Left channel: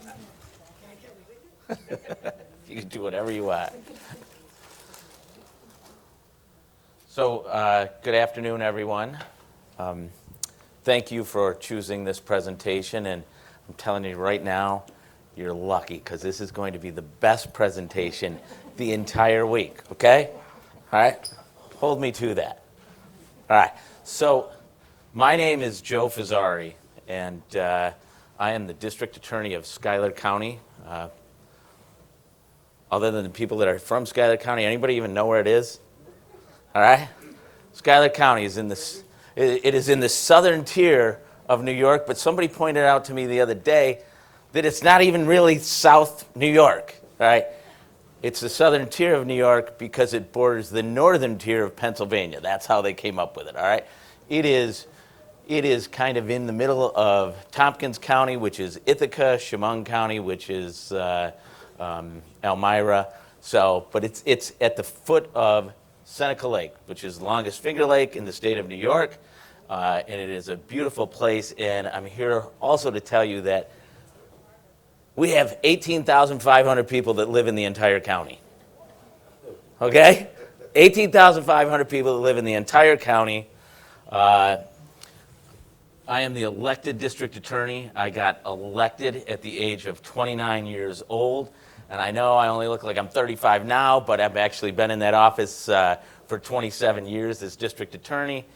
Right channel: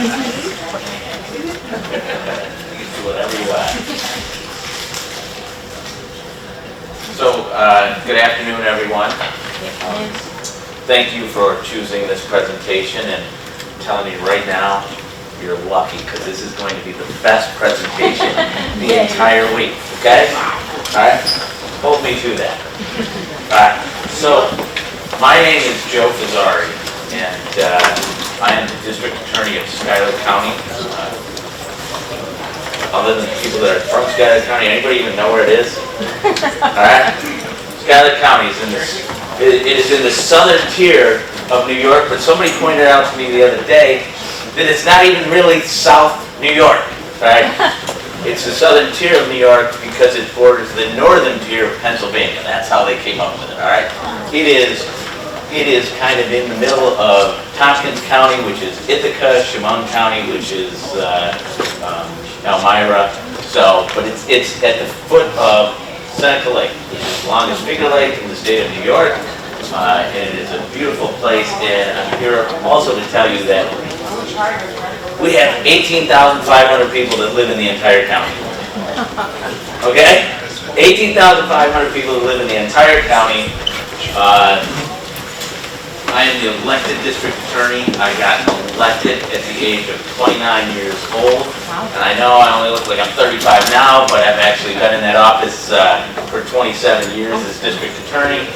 can do whatever you want. So, good afternoon, everyone. Thank you for choosing this presentation, and I'm telling you right now, you're lucky, because this is going to be the best presentation the entire week, okay? All right? Hold me to that. All right. So, my name is Joe Fazzari, and I am the District Attorney of Schuyler County. Other than people that are from Schuyler County, anybody even know where it is? All right? Schuyler County is in this. It is in the southern tier of New York, but somebody pointed out to me the other day that it's not even really South New York, right? It's the southern tier of New York because it borders the northern tier of Pennsylvania. That's how they came up with it, all right? It is kind of in the middle of Tompkins County, which is Ithaca, Chemung County, which is Elmira. So, but it's at the foot of Seneca Lake, which is the longest figure lake in the state of New York, and it is a beautiful place. And I'm here also to tell you that we have 18,500 people that live in the entire county. Okay, 18,500 people that live in the entire county. I am the elected district attorney. I got elected at the age of 29 years old. And I know I only look like I'm 35 now, but I've actually been in that office for 27 years as district attorney.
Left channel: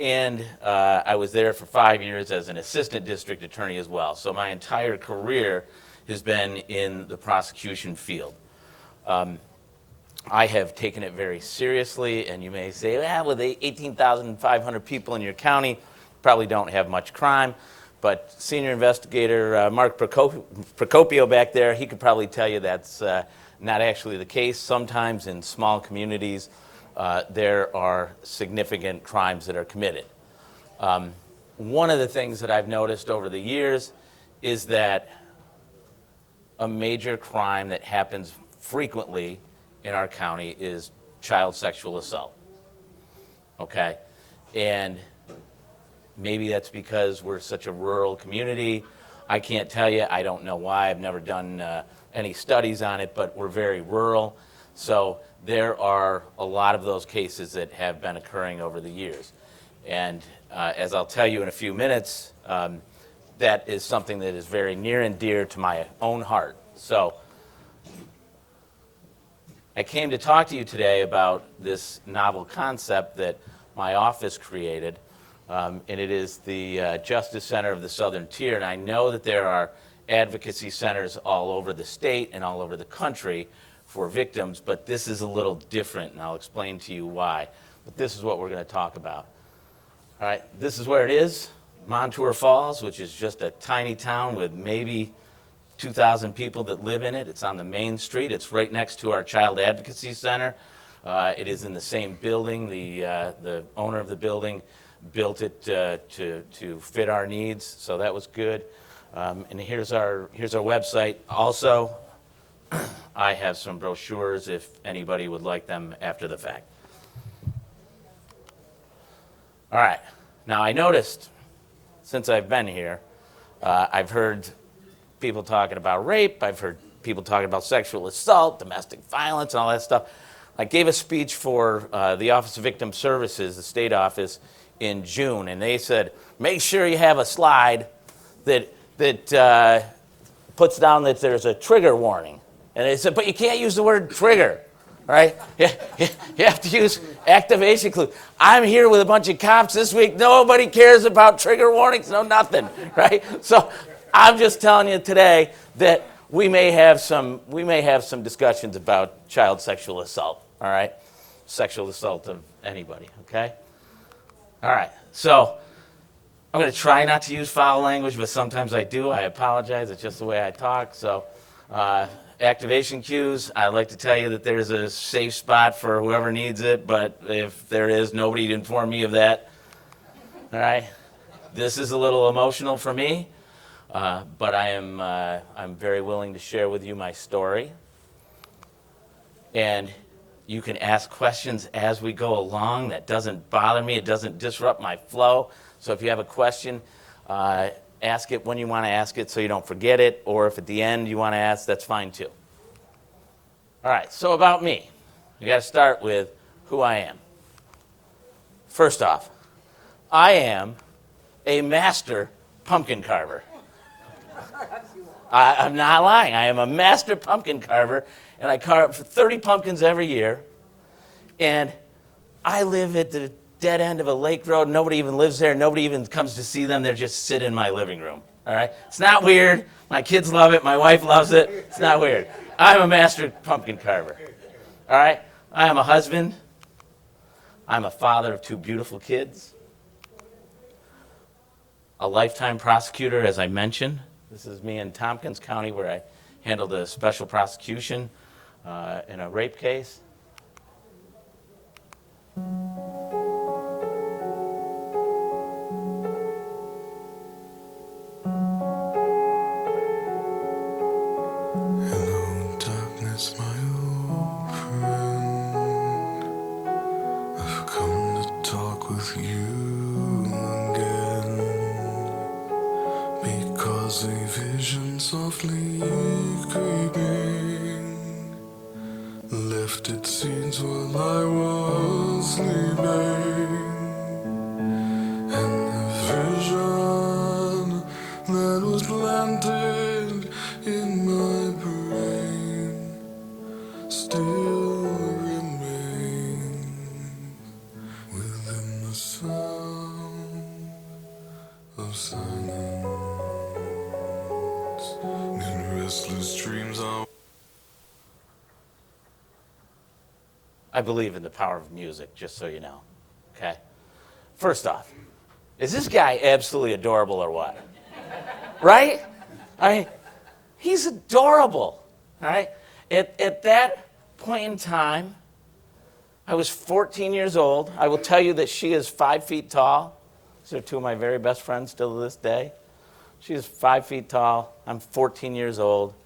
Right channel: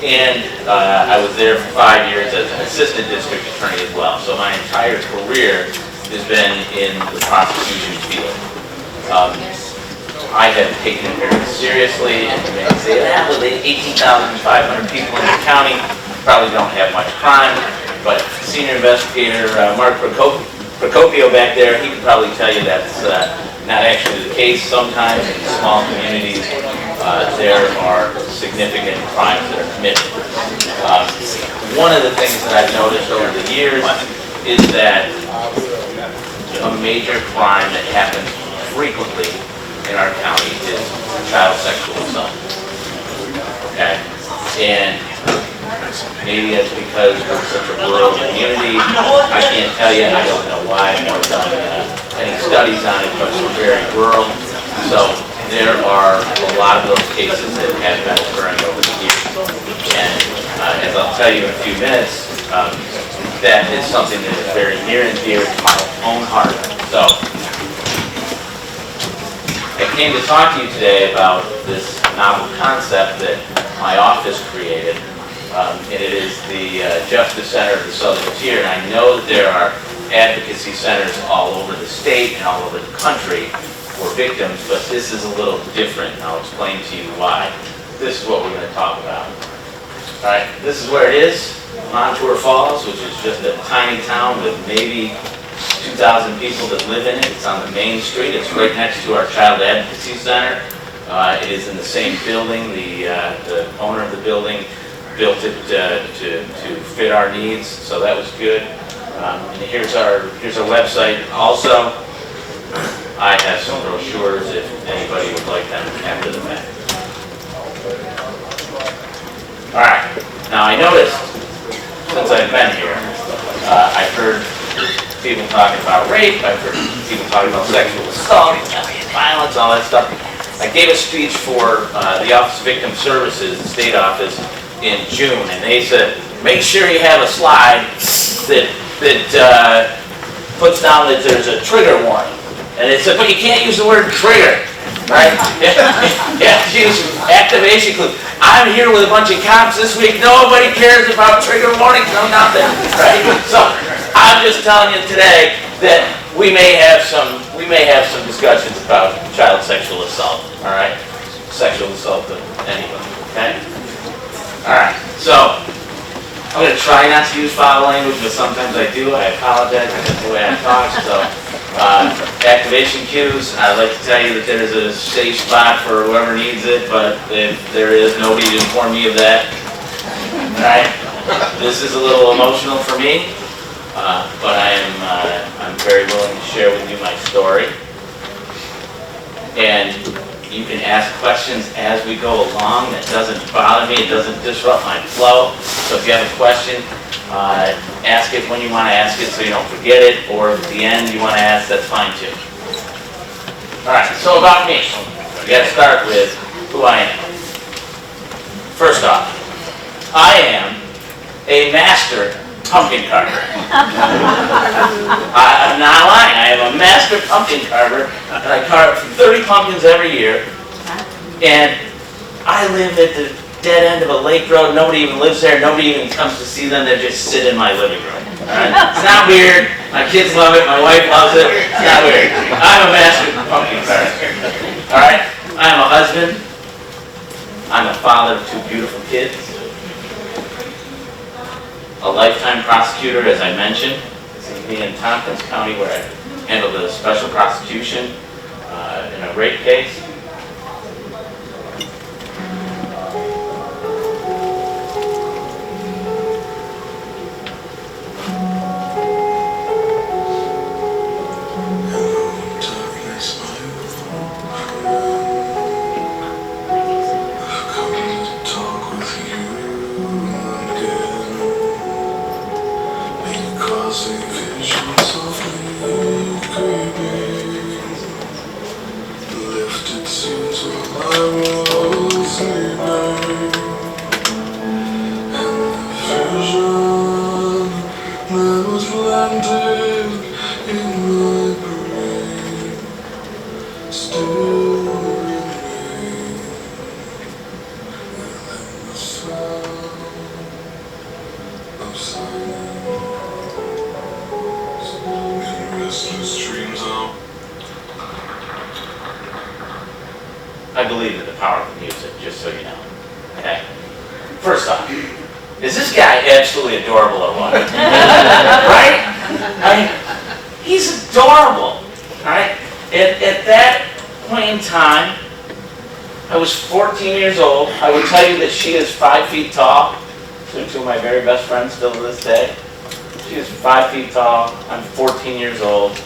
And I was there for 5 years as an assistant district attorney as well. So my entire career has been in the prosecution field. I have taken it very seriously, and you may say, that with 18,500 people in the county, probably don't have much crime, but senior investigator Mark Procopio back there, he could probably tell you that's not actually the case. Sometimes in small communities, there are significant crimes that are committed. One of the things that I've noticed over the years is that a major crime that happens frequently in our county is child sexual assault. Okay? And maybe that's because we're such a rural community. I can't tell you, I don't know why. I've never done any studies on it, but we're very rural. So there are a lot of those cases that have been occurring over the years. And as I'll tell you in a few minutes, that is something that is very near and dear to my own heart. So I came to talk to you today about this novel concept that my office created. And it is the Justice Center of the Southern Tier. And I know that there are advocacy centers all over the state and all over the country for victims, but this is a little different, and I'll explain to you why. This is what we're going to talk about. All right, this is where it is, Montour Falls, which is just a tiny town with maybe 2,000 people that live in it. It's on the main street. It's right next to our Child Advocacy Center. It is in the same building. The owner of the building built it to fit our needs, so that was good. And here's our website. Also, I have some brochures if anybody would like them after the fact. All right. Now I noticed since I've been here, I've heard people talking about rape. I've heard people talking about sexual assault, violence, all that stuff. I gave a speech for the Office of Victim Services, the state office, in June, and they said, make sure you have a slide that puts down that there's a trigger warning. And they said, but you can't use the word trigger, right? You have to use activation clue. I'm here with a bunch of cops this week. Nobody cares about trigger warnings, no nothing, right? So I'm just telling you today that we may have some discussions about child sexual assault, all right? Sexual assault of anyone, okay? All right, so I'm going to try not to use foul language, but sometimes I do. I apologize, that's the way I talk. So, activation cues, I'd like to tell you that there's a safe spot for whoever needs it, but if there is, nobody to inform me of that. All right, this is a little emotional for me, but I'm very willing to share with you my story. And You can ask questions as we go along. That doesn't bother me. It doesn't disrupt my flow. So if you have a question, ask it when you want to ask it so you don't forget it. Or if at the end you want to ask, that's fine too. All right, so about me. We got to start with who I am. First off, I am a master pumpkin carver. I'm not lying. I am a master pumpkin carver, and I carve 30 pumpkins every year. And I live at the dead end of a lake road. Nobody even lives there. Nobody even comes to see them. They just sit in my living room. All right? It's not weird. My kids love it. My wife loves it. It's not weird. I'm a master pumpkin carver. All right? I'm a husband. I'm a father of 2 beautiful kids. A lifetime prosecutor, as I mentioned. This is me in Tompkins County, where I handled a special prosecution in a rape case. I believe in the power of music, just so you know. Okay. First off, is this guy absolutely adorable or what? Right? I mean, he's adorable. Right? At that point in time, I was 14 years old. I would tell you that she is 5 feet tall. She's 2 of my very best friends still to this day. She is 5 feet tall. I'm 14 years old.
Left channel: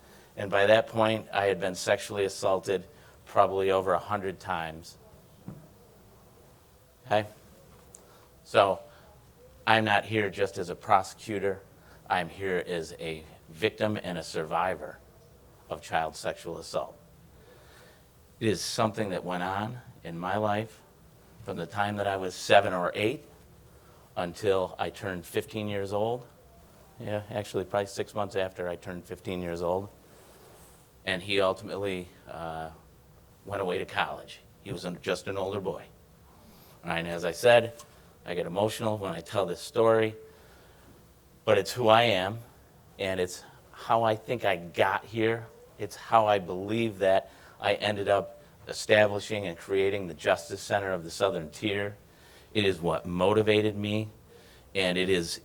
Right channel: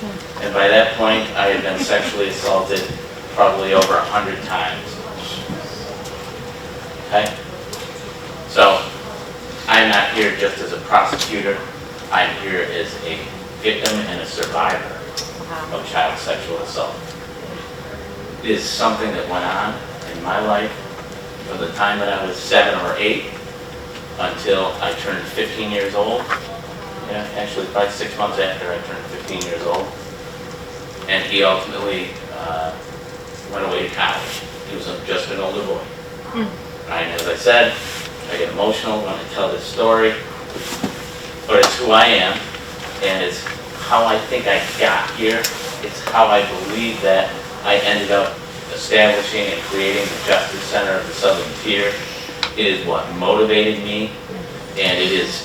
And by that point, I had been sexually assaulted probably over 100 times. Okay? So, I'm not here just as a prosecutor. I'm here as a victim and a survivor of child sexual assault. It is something that went on in my life from the time that I was 7 or 8 until I turned 15 years old. Yeah, actually probably 6 months after I turned 15 years old. And he ultimately went away to college. He was just an older boy. Right? As I said, I get emotional when I tell this story, but it's who I am, and it's how I think I got here. It's how I believe that I ended up establishing and creating the Justice Center of the Southern Tier. It is what motivated me, and it is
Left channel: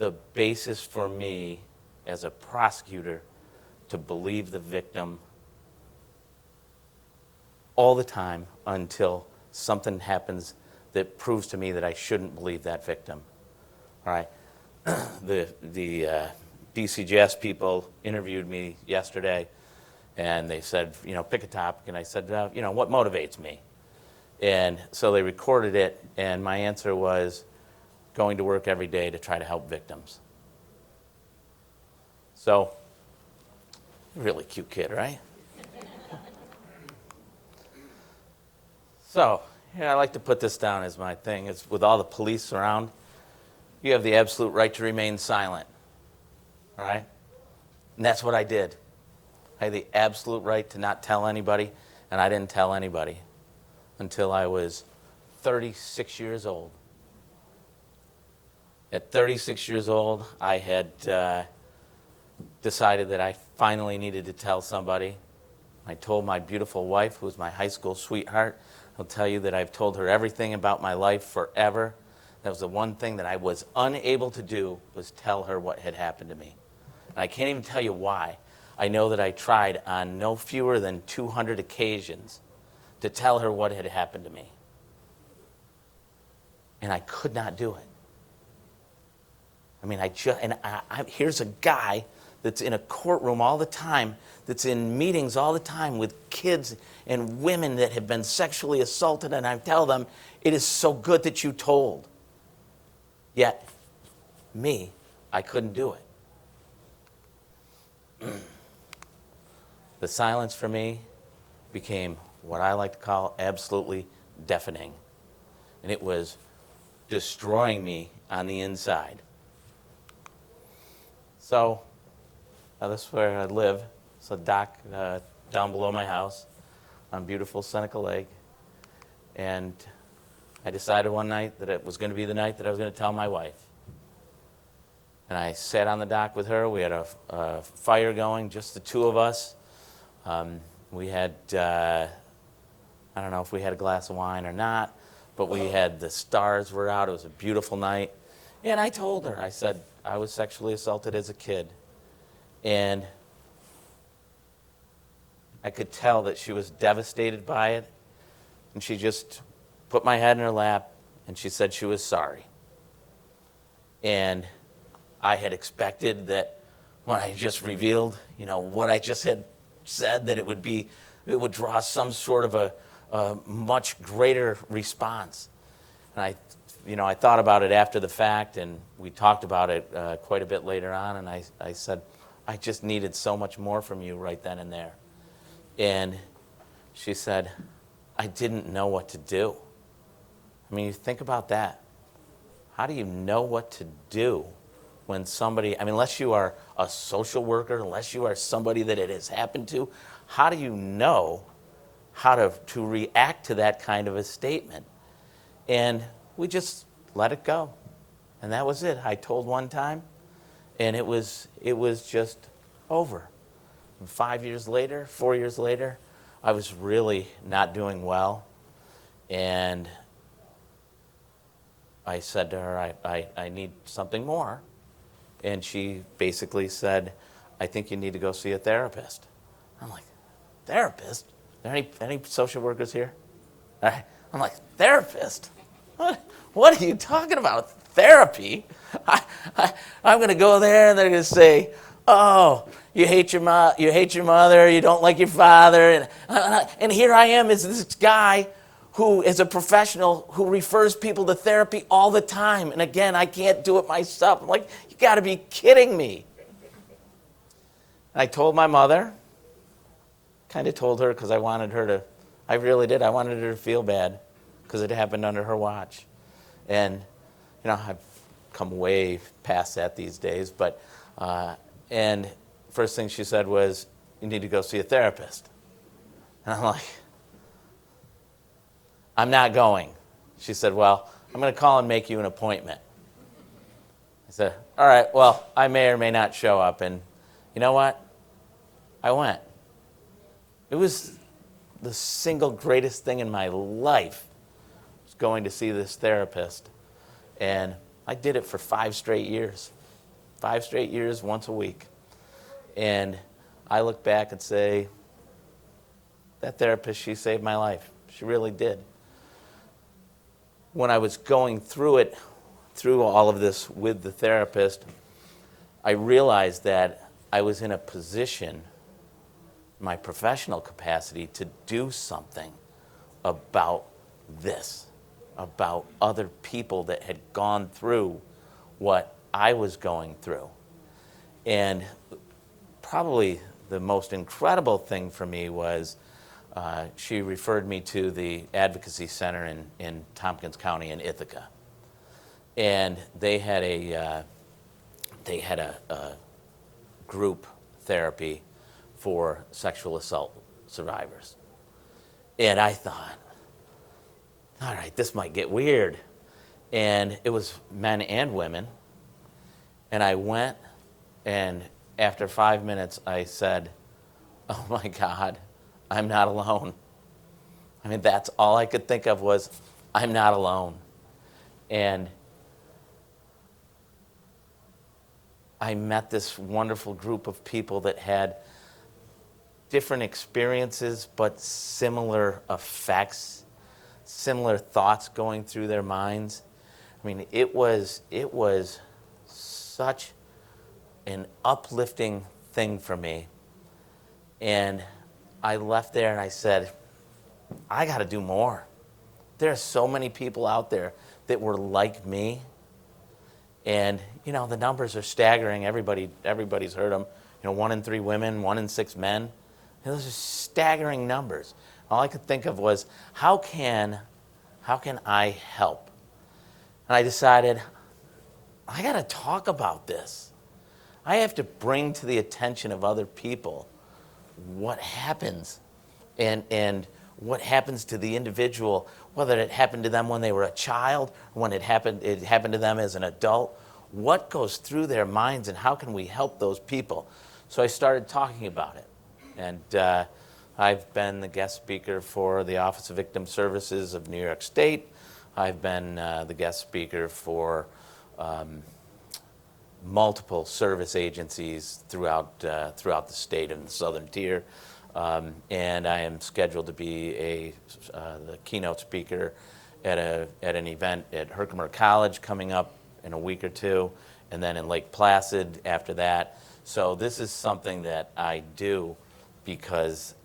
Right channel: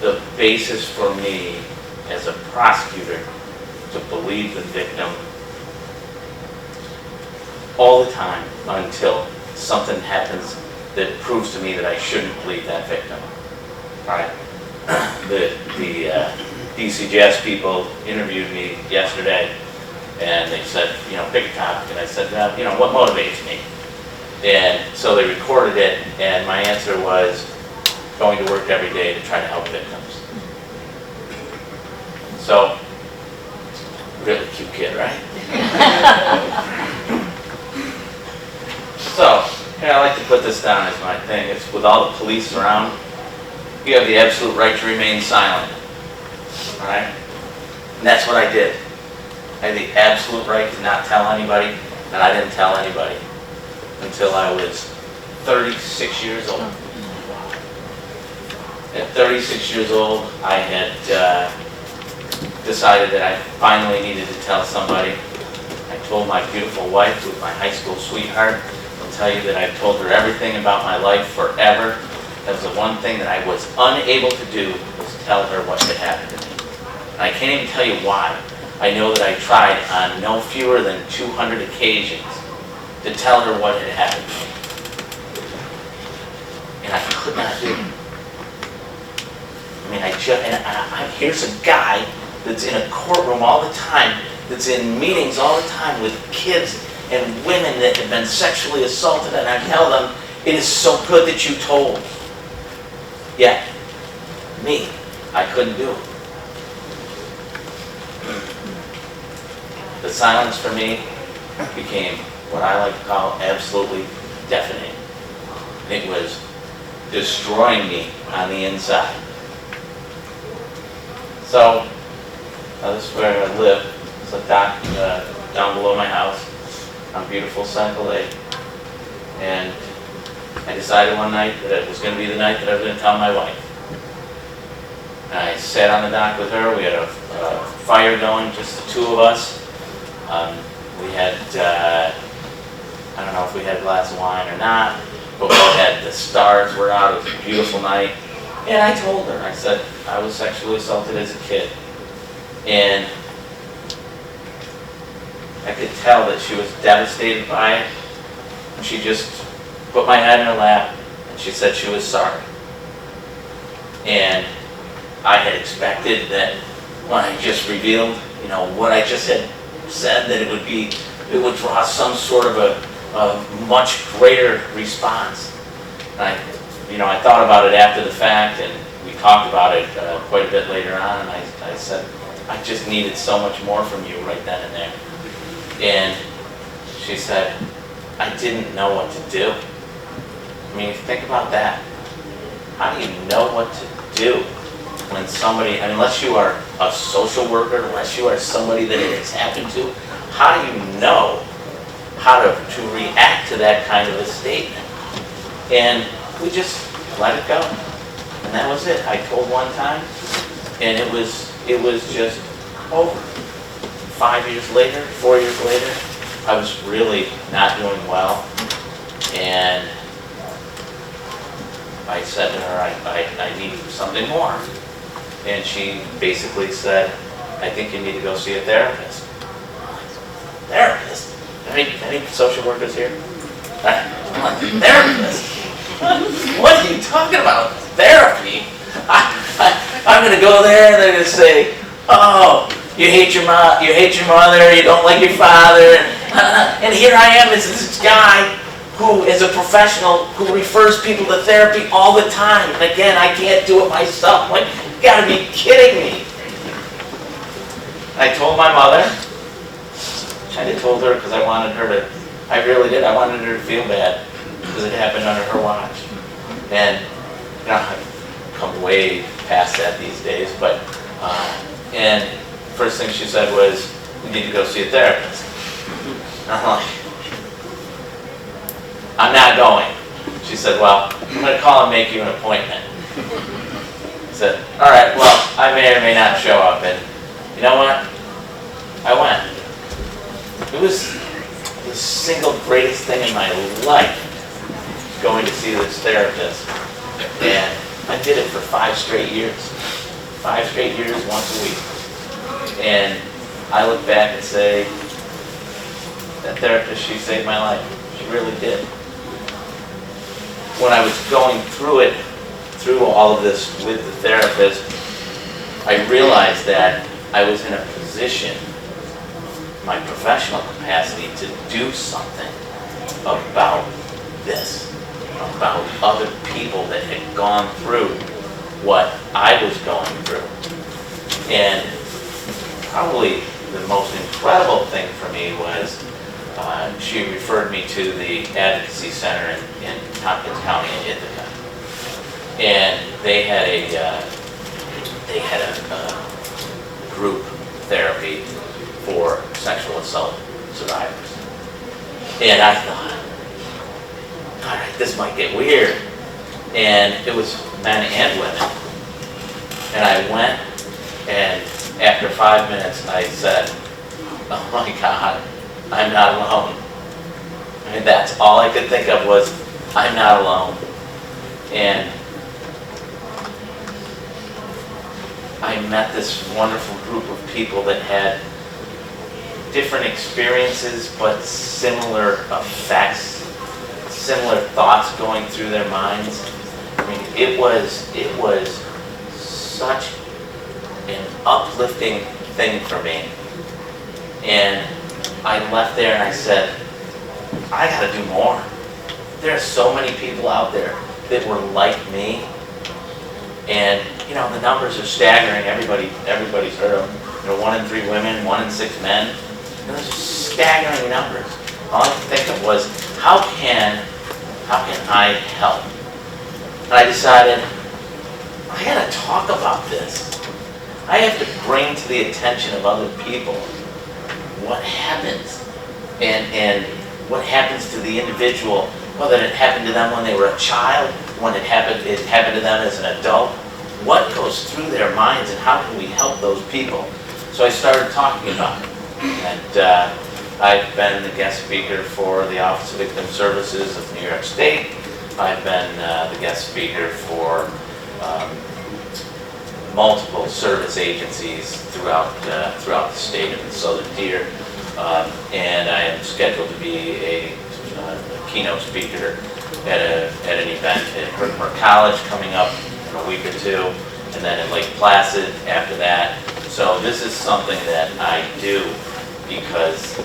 the basis for me as a prosecutor to believe the victim all the time until something happens that proves to me that I shouldn't believe that victim. Right? The DCJS people interviewed me yesterday, and they said, pick a topic. And I said, what motivates me? And so they recorded it, and my answer was going to work every day to try to help victims. So, really cute kid, right? So, I like to put this down as my thing. It's with all the police around, you have the absolute right to remain silent. All right? And that's what I did. I had the absolute right to not tell anybody, and I didn't tell anybody until I was 36 years old. At 36 years old, I had decided that I finally needed to tell somebody. I told my beautiful wife, who was my high school sweetheart. I'll tell you that I told her everything about my life forever. That was the one thing that I was unable to do, was tell her what had happened to me. And I can't even tell you why. I know that I tried on no fewer than 200 occasions to tell her what had happened to me. And I could not do it. I mean, here's a guy that's in a courtroom all the time that's in meetings all the time with kids and women that have been sexually assaulted, and I tell them, it is so good that you told. Yet, me, I couldn't do it. The silence for me became what I like to call absolutely deafening. It was destroying me on the inside. So, this is where I live. There's a dock down below my house on beautiful Central Lake. And I decided one night that it was going to be the night that I was going to tell my wife. And I sat on the dock with her. We had a fire going, just the two of us. We had, I don't know if we had a glass of wine or not, but we had, the stars were out. It was a beautiful night. And I told her, I said, I was sexually assaulted as a kid. And I could tell that she was devastated by it. And she just put my head in her lap and she said she was sorry. And I had expected that when I just revealed, what I just had said, that it would draw some sort of a much greater response. And I thought about it after the fact, and we talked about it quite a bit later on, and I said, I just needed so much more from you right then and there. And she said, I didn't know what to do. I mean, think about that. How do you know what to do when somebody, unless you are a social worker, unless you are somebody that it has happened to, how do you know how to react to that kind of a statement? And we just let it go. And that was it. I told one time, and it was just over. 5 years later, 4 years later, I was really not doing well. And I said to her, I need something more. And she basically said, I think you need to go see a therapist. Therapist? Any social workers here? Therapist? What are you talking about? Therapy? I'm going to go there and they're going to say, oh, you hate your mom, you hate your mother, you don't like your father. And here I am as this guy who is a professional who refers people to therapy all the time. And again, I can't do it myself. Like, you got to be kidding me. I told my mother. I told her because I wanted her to, I really did, I wanted her to feel bad because it happened under her watch. And I've come way past that these days, but, and first thing she said was, we need to go see a therapist. And I'm like, I'm not going. She said, well, I'm going to call and make you an appointment. I said, all right, well, I may or may not show up. And you know what? I went. It was the single greatest thing in my life, going to see this therapist. And I did it for 5 straight years. 5 straight years, once a week. And I look back and say, that therapist, she saved my life. She really did. When I was going through all of this with the therapist, I realized that I was in a position, my professional capacity, to do something about this, about other people that had gone through what I was going through. And probably the most incredible thing for me was she referred me to the Advocacy Center in Tompkins County in Ithaca. And they had a group therapy for sexual assault survivors. And I thought, all right, this might get weird. And it was men and women. And I went, and after 5 minutes, I said, oh my God, I'm not alone. I mean, that's all I could think of was, I'm not alone. And I met this wonderful group of people that had different experiences, but similar effects, similar thoughts going through their minds. I mean, it was such an uplifting thing for me. And I left there and I said, I gotta do more. There are so many people out there that were like me. And, you know, the numbers are staggering. Everybody's heard of them. You know, 1 in 3 women, 1 in 6 men. Those are staggering numbers. All I could think of was, how can I help? And I decided, I gotta talk about this. I have to bring to the attention of other people what happens and what happens to the individual, whether it happened to them when they were a child, when it happened to them as an adult, what goes through their minds and how can we help those people? So I started talking about it. And I've been the guest speaker for the Office of Victim Services of New York State. I've been the guest speaker for multiple service agencies throughout the state of the Southern Tier. And I am scheduled to be a keynote speaker at an event in Hertford College coming up in a week or two, and then in Lake Placid after that. So this is something that I do because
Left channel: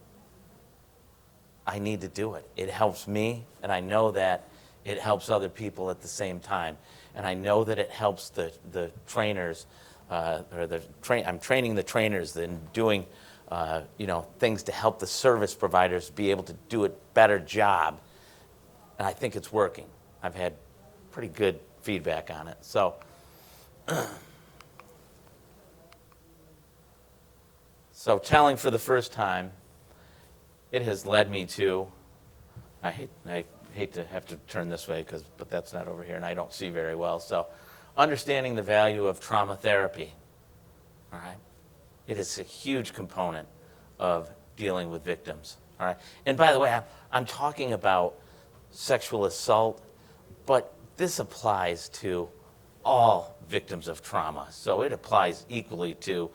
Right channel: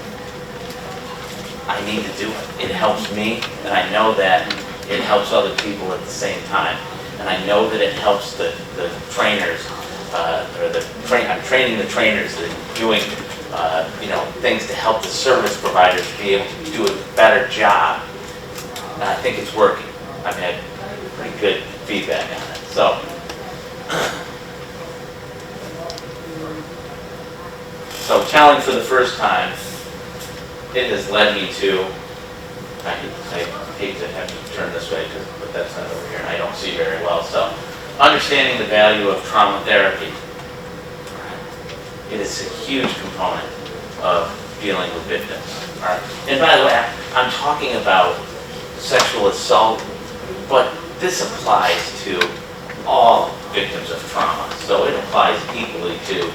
I need to do it. It helps me, and I know that it helps other people at the same time. And I know that it helps the trainers, I'm training the trainers that are doing things to help the service providers be able to do a better job. And I think it's working. I've had pretty good feedback on it. So telling for the first time, it has led me to, I hate to have to turn this way, but that's not over here, and I don't see very well. So understanding the value of trauma therapy. It is a huge component of dealing with victims. All right. And by the way, I'm talking about sexual assault, but this applies to all victims of trauma. So it applies equally to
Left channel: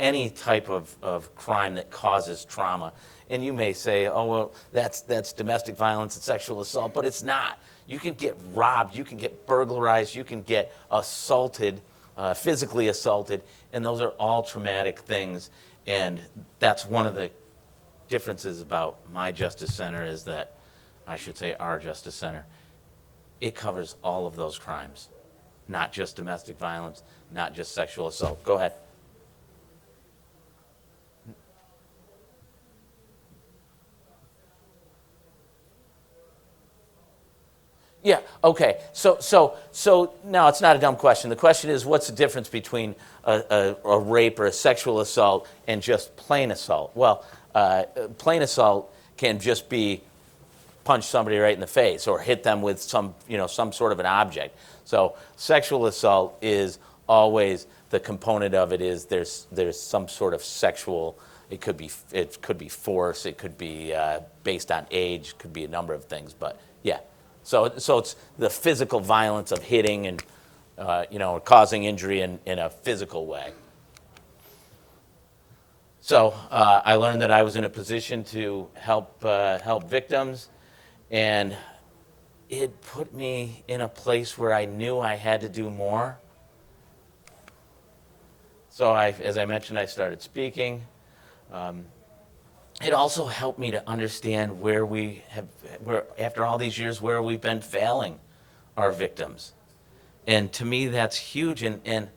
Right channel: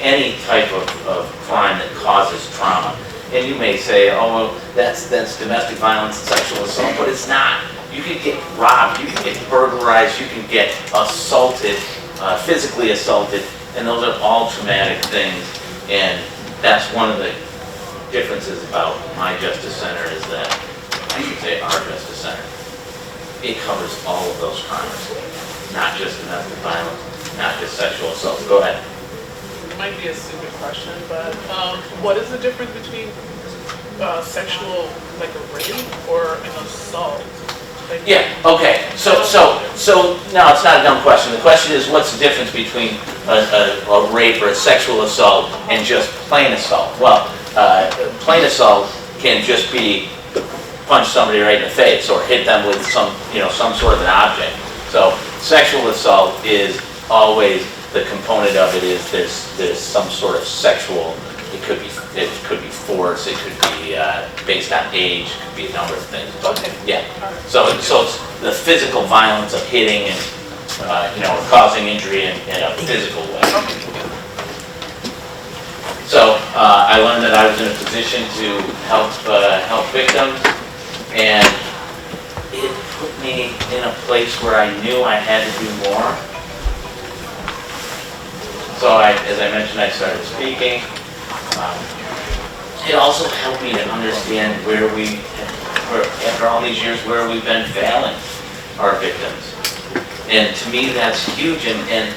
any type of crime that causes trauma. And you may say, oh, well, that's domestic violence and sexual assault, but it's not. You can get robbed, you can get burglarized, you can get assaulted, physically assaulted, and those are all traumatic things. And that's one of the differences about my Justice Center is that, I should say our Justice Center, it covers all of those crimes, not just domestic violence, not just sexual assault. Go ahead. It might be a stupid question, but what is the difference between sexual, like a rape or an assault? Like, yeah, okay. So no, it's not a dumb question. The question is, what's the difference between a rape or a sexual assault and just plain assault? Well, plain assault can just be punch somebody right in the face or hit them with some sort of an object. So sexual assault is always, the component of it is there's some sort of sexual. It could be force. It could be based on age. It could be a number of things. Okay. Yeah. So it's the physical violence of hitting and causing injury in a physical way. So I learned that I was in a position to help victims, and it put me in a place where I knew I had to do more. So as I mentioned, I started speaking. It also helped me to understand where after all these years, where we've been failing our victims. And to me, that's huge. And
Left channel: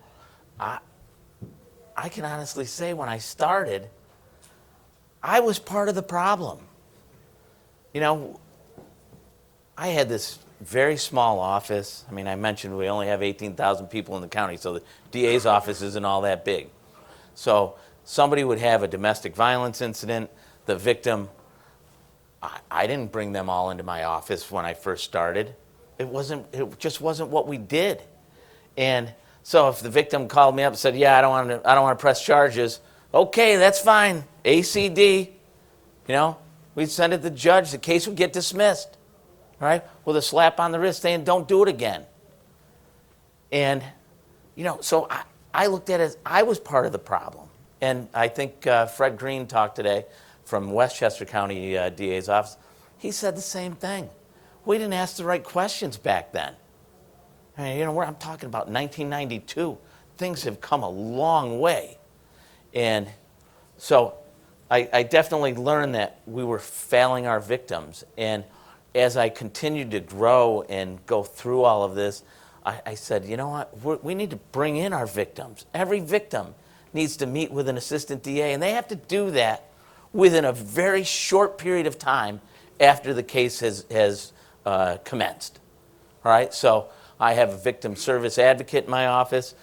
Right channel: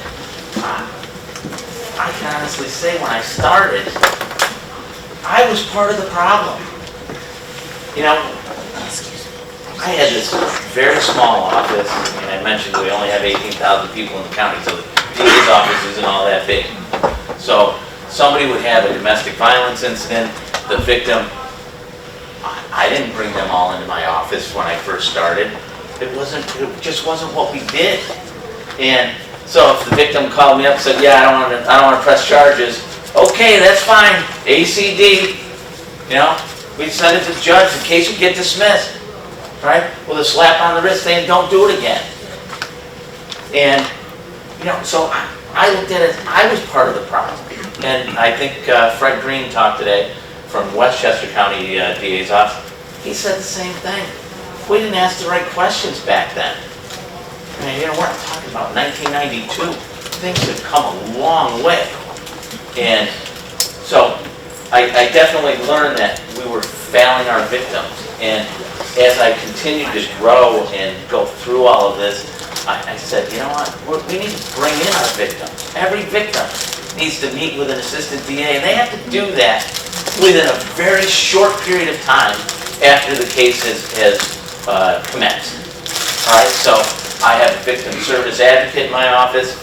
I can honestly say, when I started, I was part of the problem. I had this very small office. I mean, I mentioned we only have 18,000 people in the county, so the DA's office isn't all that big. So somebody would have a domestic violence incident, the victim, I didn't bring them all into my office when I first started. It just wasn't what we did. And so if the victim called me up and said, yeah, I don't want to press charges, okay, that's fine, ACD, we'd send it to the judge in case you get dismissed, right? With a slap on the wrist saying, don't do it again. And, so I looked at it, I was part of the problem. And I think Fred Green talked today from Westchester County DA's office. He said the same thing. We didn't ask the right questions back then. I mean, we're not talking about 1992. Things have come a long way. And so I definitely learned that we were failing our victims. And as I continued to grow and go through all of this, I said, you know what, we need to bring in our victims. Every victim needs to meet with an assistant DA, and they have to do that within a very short period of time after the case has commenced. All right, so I have a victim service advocate in my office,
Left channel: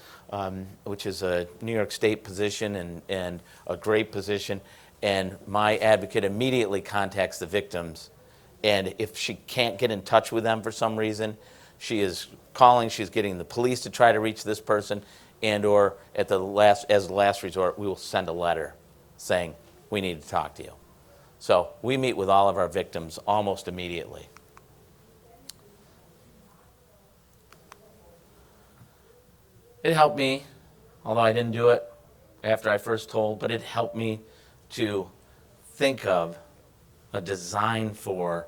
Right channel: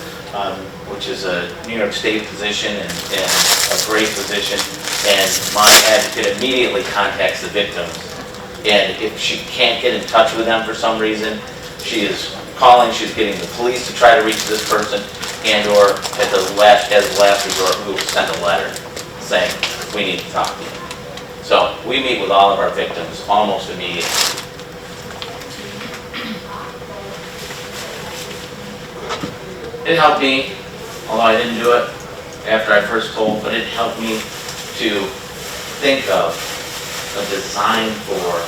which is a New York State position and a great position, and my advocate immediately contacts the victims, and if she can't get in touch with them for some reason, she is calling, she's getting the police to try to reach this person, and or as last resort, we will send a letter saying, we need to talk to you. So we meet with all of our victims almost immediately. It helped me, although I didn't do it after I first told, but it helped me to think of a design for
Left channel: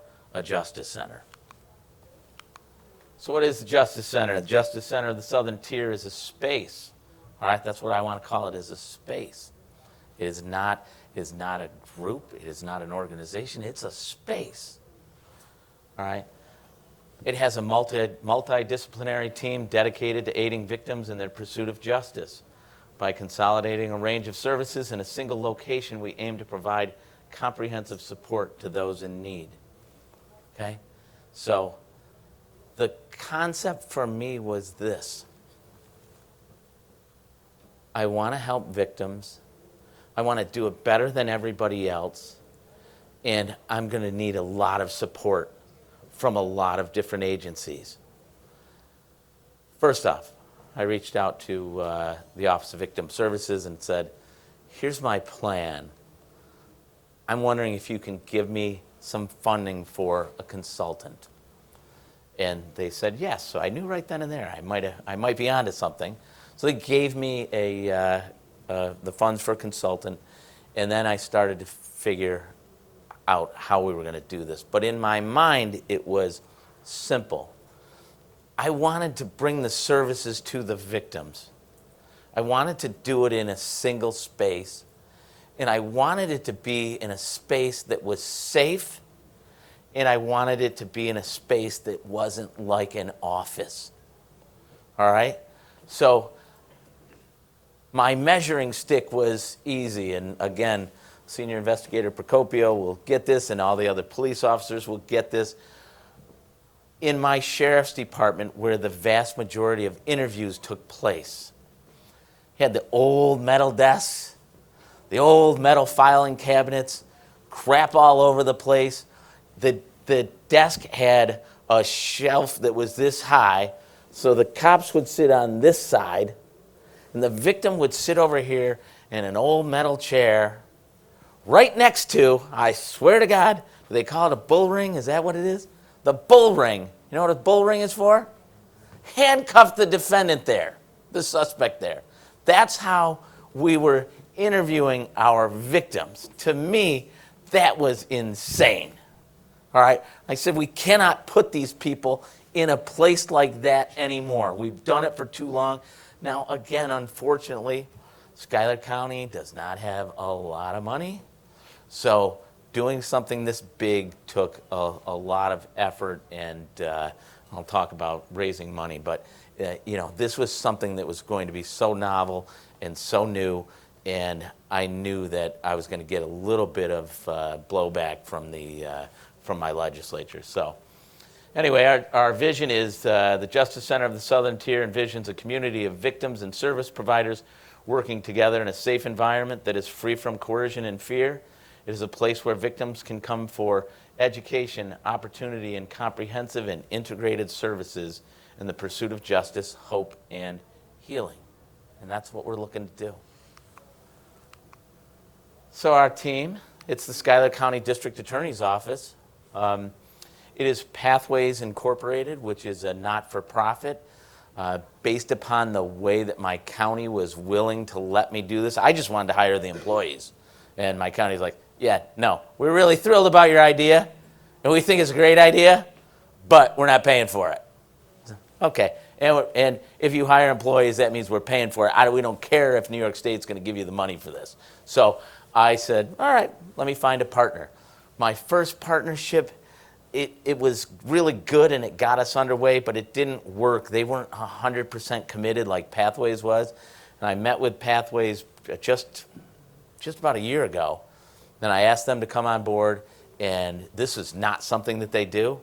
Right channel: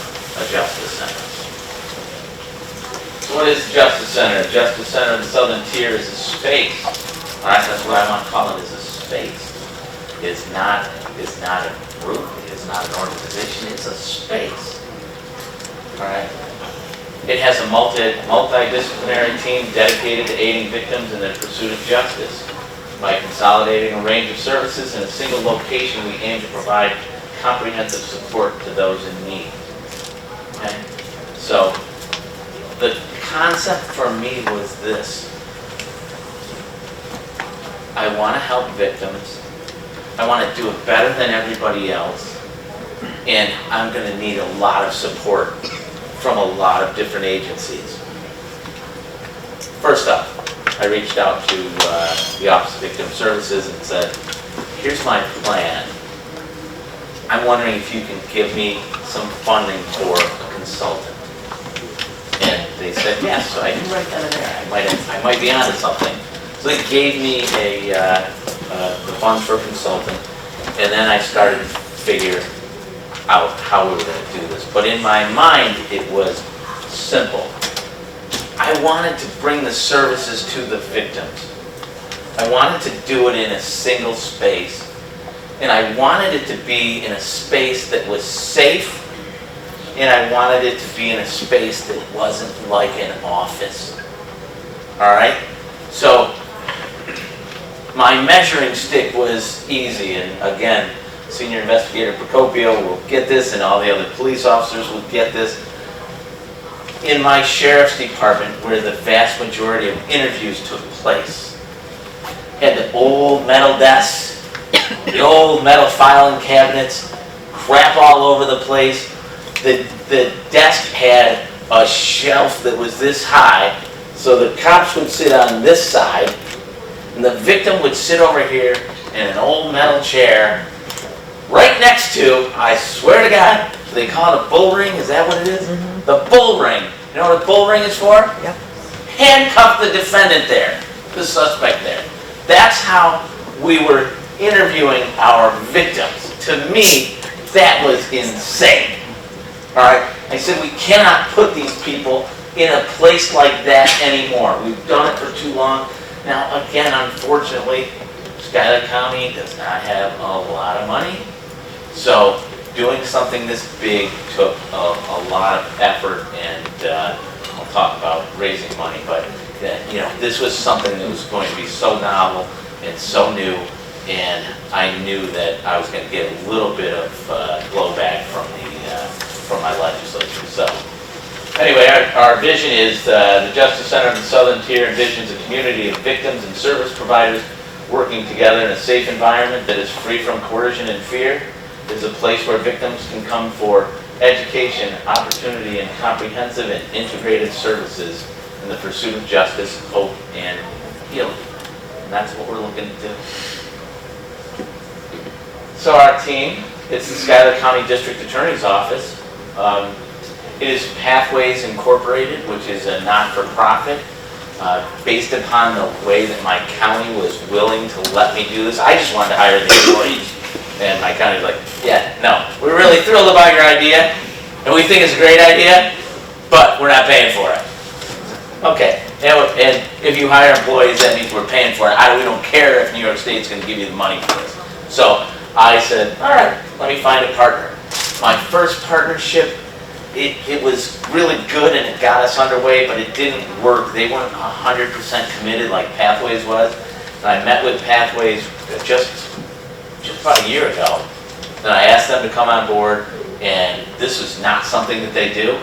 a justice center. So what is Justice Center? Justice Center of the Southern Tier is a space. All right, that's what I want to call it, is a space. It's not a group, it's not an organization, it's a space. All right. It has a multidisciplinary team dedicated to aiding victims in their pursuit of justice. By consolidating a range of services in a single location, we aim to provide comprehensive support to those in need. Okay? So, the concept for me was this. I want to help victims. I want to do it better than everybody else. And I'm going to need a lot of support from a lot of different agencies. First up, I reached out to the Office of Victim Services and said, here's my plan. I'm wondering if you can give me some funding for a consultant. And they said yes, so I knew right then and there I might be onto something. So they gave me the funds for a consultant, and then I started to figure out how we were going to do this. But in my mind, it was simple. I wanted to bring the services to the victims. I wanted to do it in a single space. And I wanted it to be in a space that was safe. And I wanted it to be in a space that wasn't like an office. All right? So my measuring stick was easy. And again, Senior Investigator Procopio will get this, and all the other police officers will get this. In my sheriff's department, where the vast majority of interviews took place, had the old metal desks, the old metal filing cabinets, crap all over the place. The desk had a shelf that was this high, so the cops would sit on this side, and the victim would sit over here in an old metal chair, right next to, I swear to God, they call it a bull ring, is that what it is? Mm-hmm. The bull ring. You know what a bull ring is for? Yep. Handcuff the defendant there, the suspect there. That's how we were interviewing our victims. To me, that was insane. All right? I said, we cannot put these people in a place like that anymore. We've done it for too long. Now, again, unfortunately, Schuyler County does not have a lot of money. So doing something this big took a lot of effort, and I'll talk about raising money, but this was something that was going to be so novel and so new, and I knew that I was going to get a little bit of blowback from my legislature. So anyway, our vision is the Justice Center of the Southern Tier envisions a community of victims and service providers working together in a safe environment that is free from coercion and fear. It is a place where victims can come for education, opportunity, and comprehensive and integrated services in the pursuit of justice, hope, and healing. And that's what we're looking to do. So our team, it's the Schuyler County District Attorney's Office. It is Pathways Incorporated, which is a not-for-profit. Based upon the way that my county was willing to let me do this, I just wanted to hire the employees. And my county was like, yeah, no, we're really thrilled about your idea, and we think it's a great idea, but we're not paying for it. Okay, and if you hire employees, that means we're paying for it. We don't care if New York State's going to give you the money for this. So I said, all right, let me find a partner. My first partnership, it was really good and it got us underway, but it didn't work. They weren't 100% committed like Pathways was. And I met with Pathways just about a year ago. And I asked them to come on board, and this is not something that they do.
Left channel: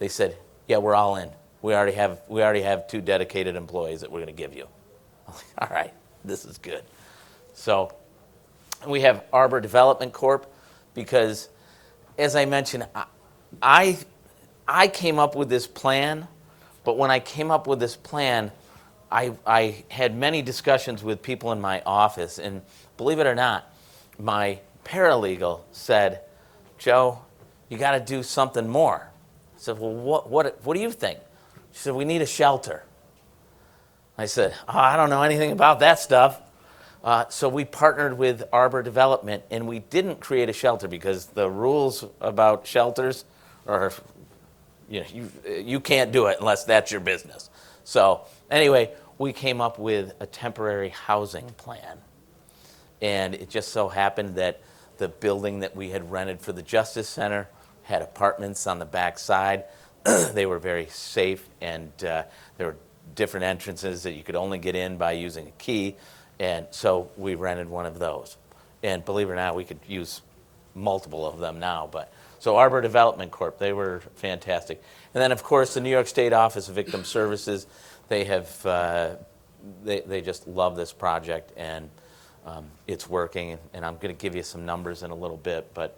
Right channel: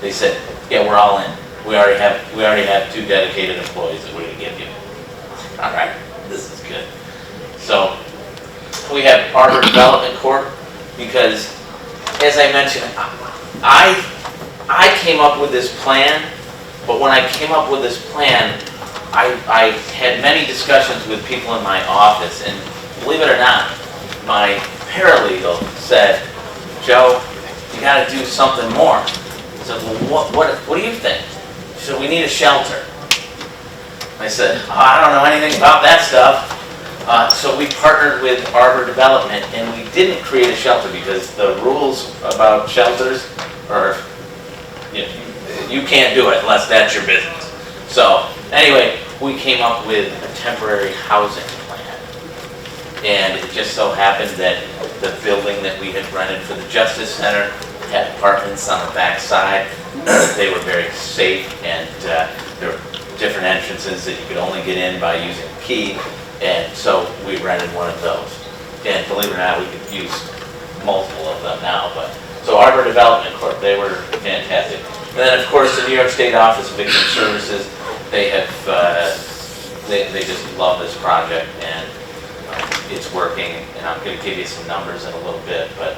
They said, yeah, we're all in. We already have 2 dedicated employees that we're going to give you. All right, this is good. So we have Arbor Development Corp. Because, as I mentioned, I came up with this plan, but when I came up with this plan, I had many discussions with people in my office, and believe it or not, my paralegal said, Joe, you got to do something more. I said, well, what do you think? She said, we need a shelter. I said, oh, I don't know anything about that stuff. So we partnered with Arbor Development, and we didn't create a shelter because the rules about shelters are, you can't do it unless that's your business. So anyway, we came up with a temporary housing plan. And it just so happened that the building that we had rented for the Justice Center had apartments on the back side. They were very safe, and there were different entrances that you could only get in by using a key. And so we rented one of those. And believe it or not, we could use multiple of them now. So Arbor Development Corp., they were fantastic. And then, of course, the New York State Office of Victim Services, they have, they just love this project, and it's working. And I'm going to give you some numbers in a little bit. But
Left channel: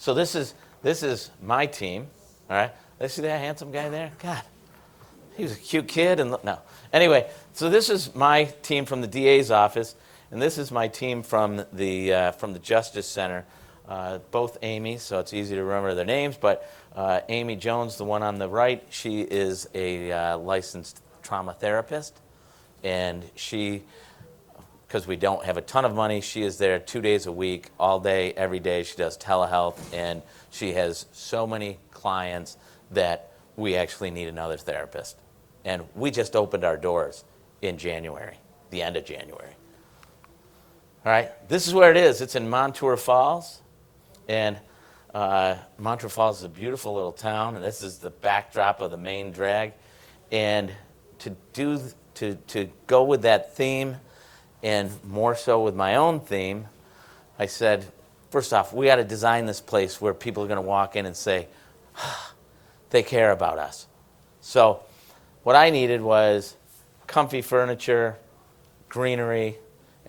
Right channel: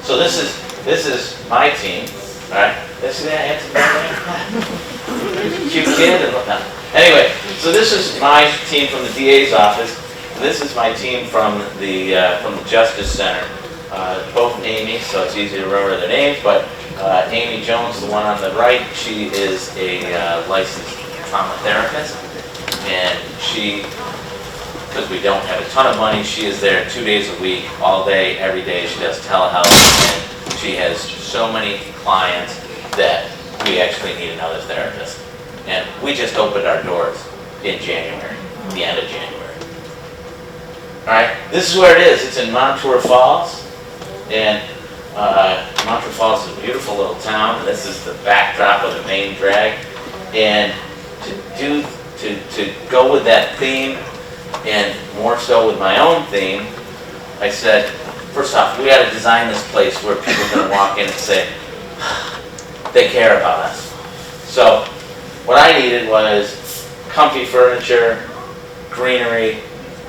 so this is my team, all right? See that handsome guy? Cute kid and whatnot. Anyway, so this is my team from the DA's office, and this is my team from the Justice Center. Both Amy, so it's easy to remember their names, but Amy Jones, the one on the right, she is a licensed trauma therapist, and she, because we don't have a ton of money, she is there 2 days a week, all day, every day. She does telehealth, and she has so many clients that we actually need another therapist. And we just opened our doors in January, the end of January. All right, this is where it is. It's in Montour Falls, and Montour Falls is a beautiful little town. This is the backdrop of the main drag, and to go with that theme, and more so with my own theme, I said, first off, we got to design this place where people are going to walk in and say, they care about us. So what I needed was comfy furniture, greenery,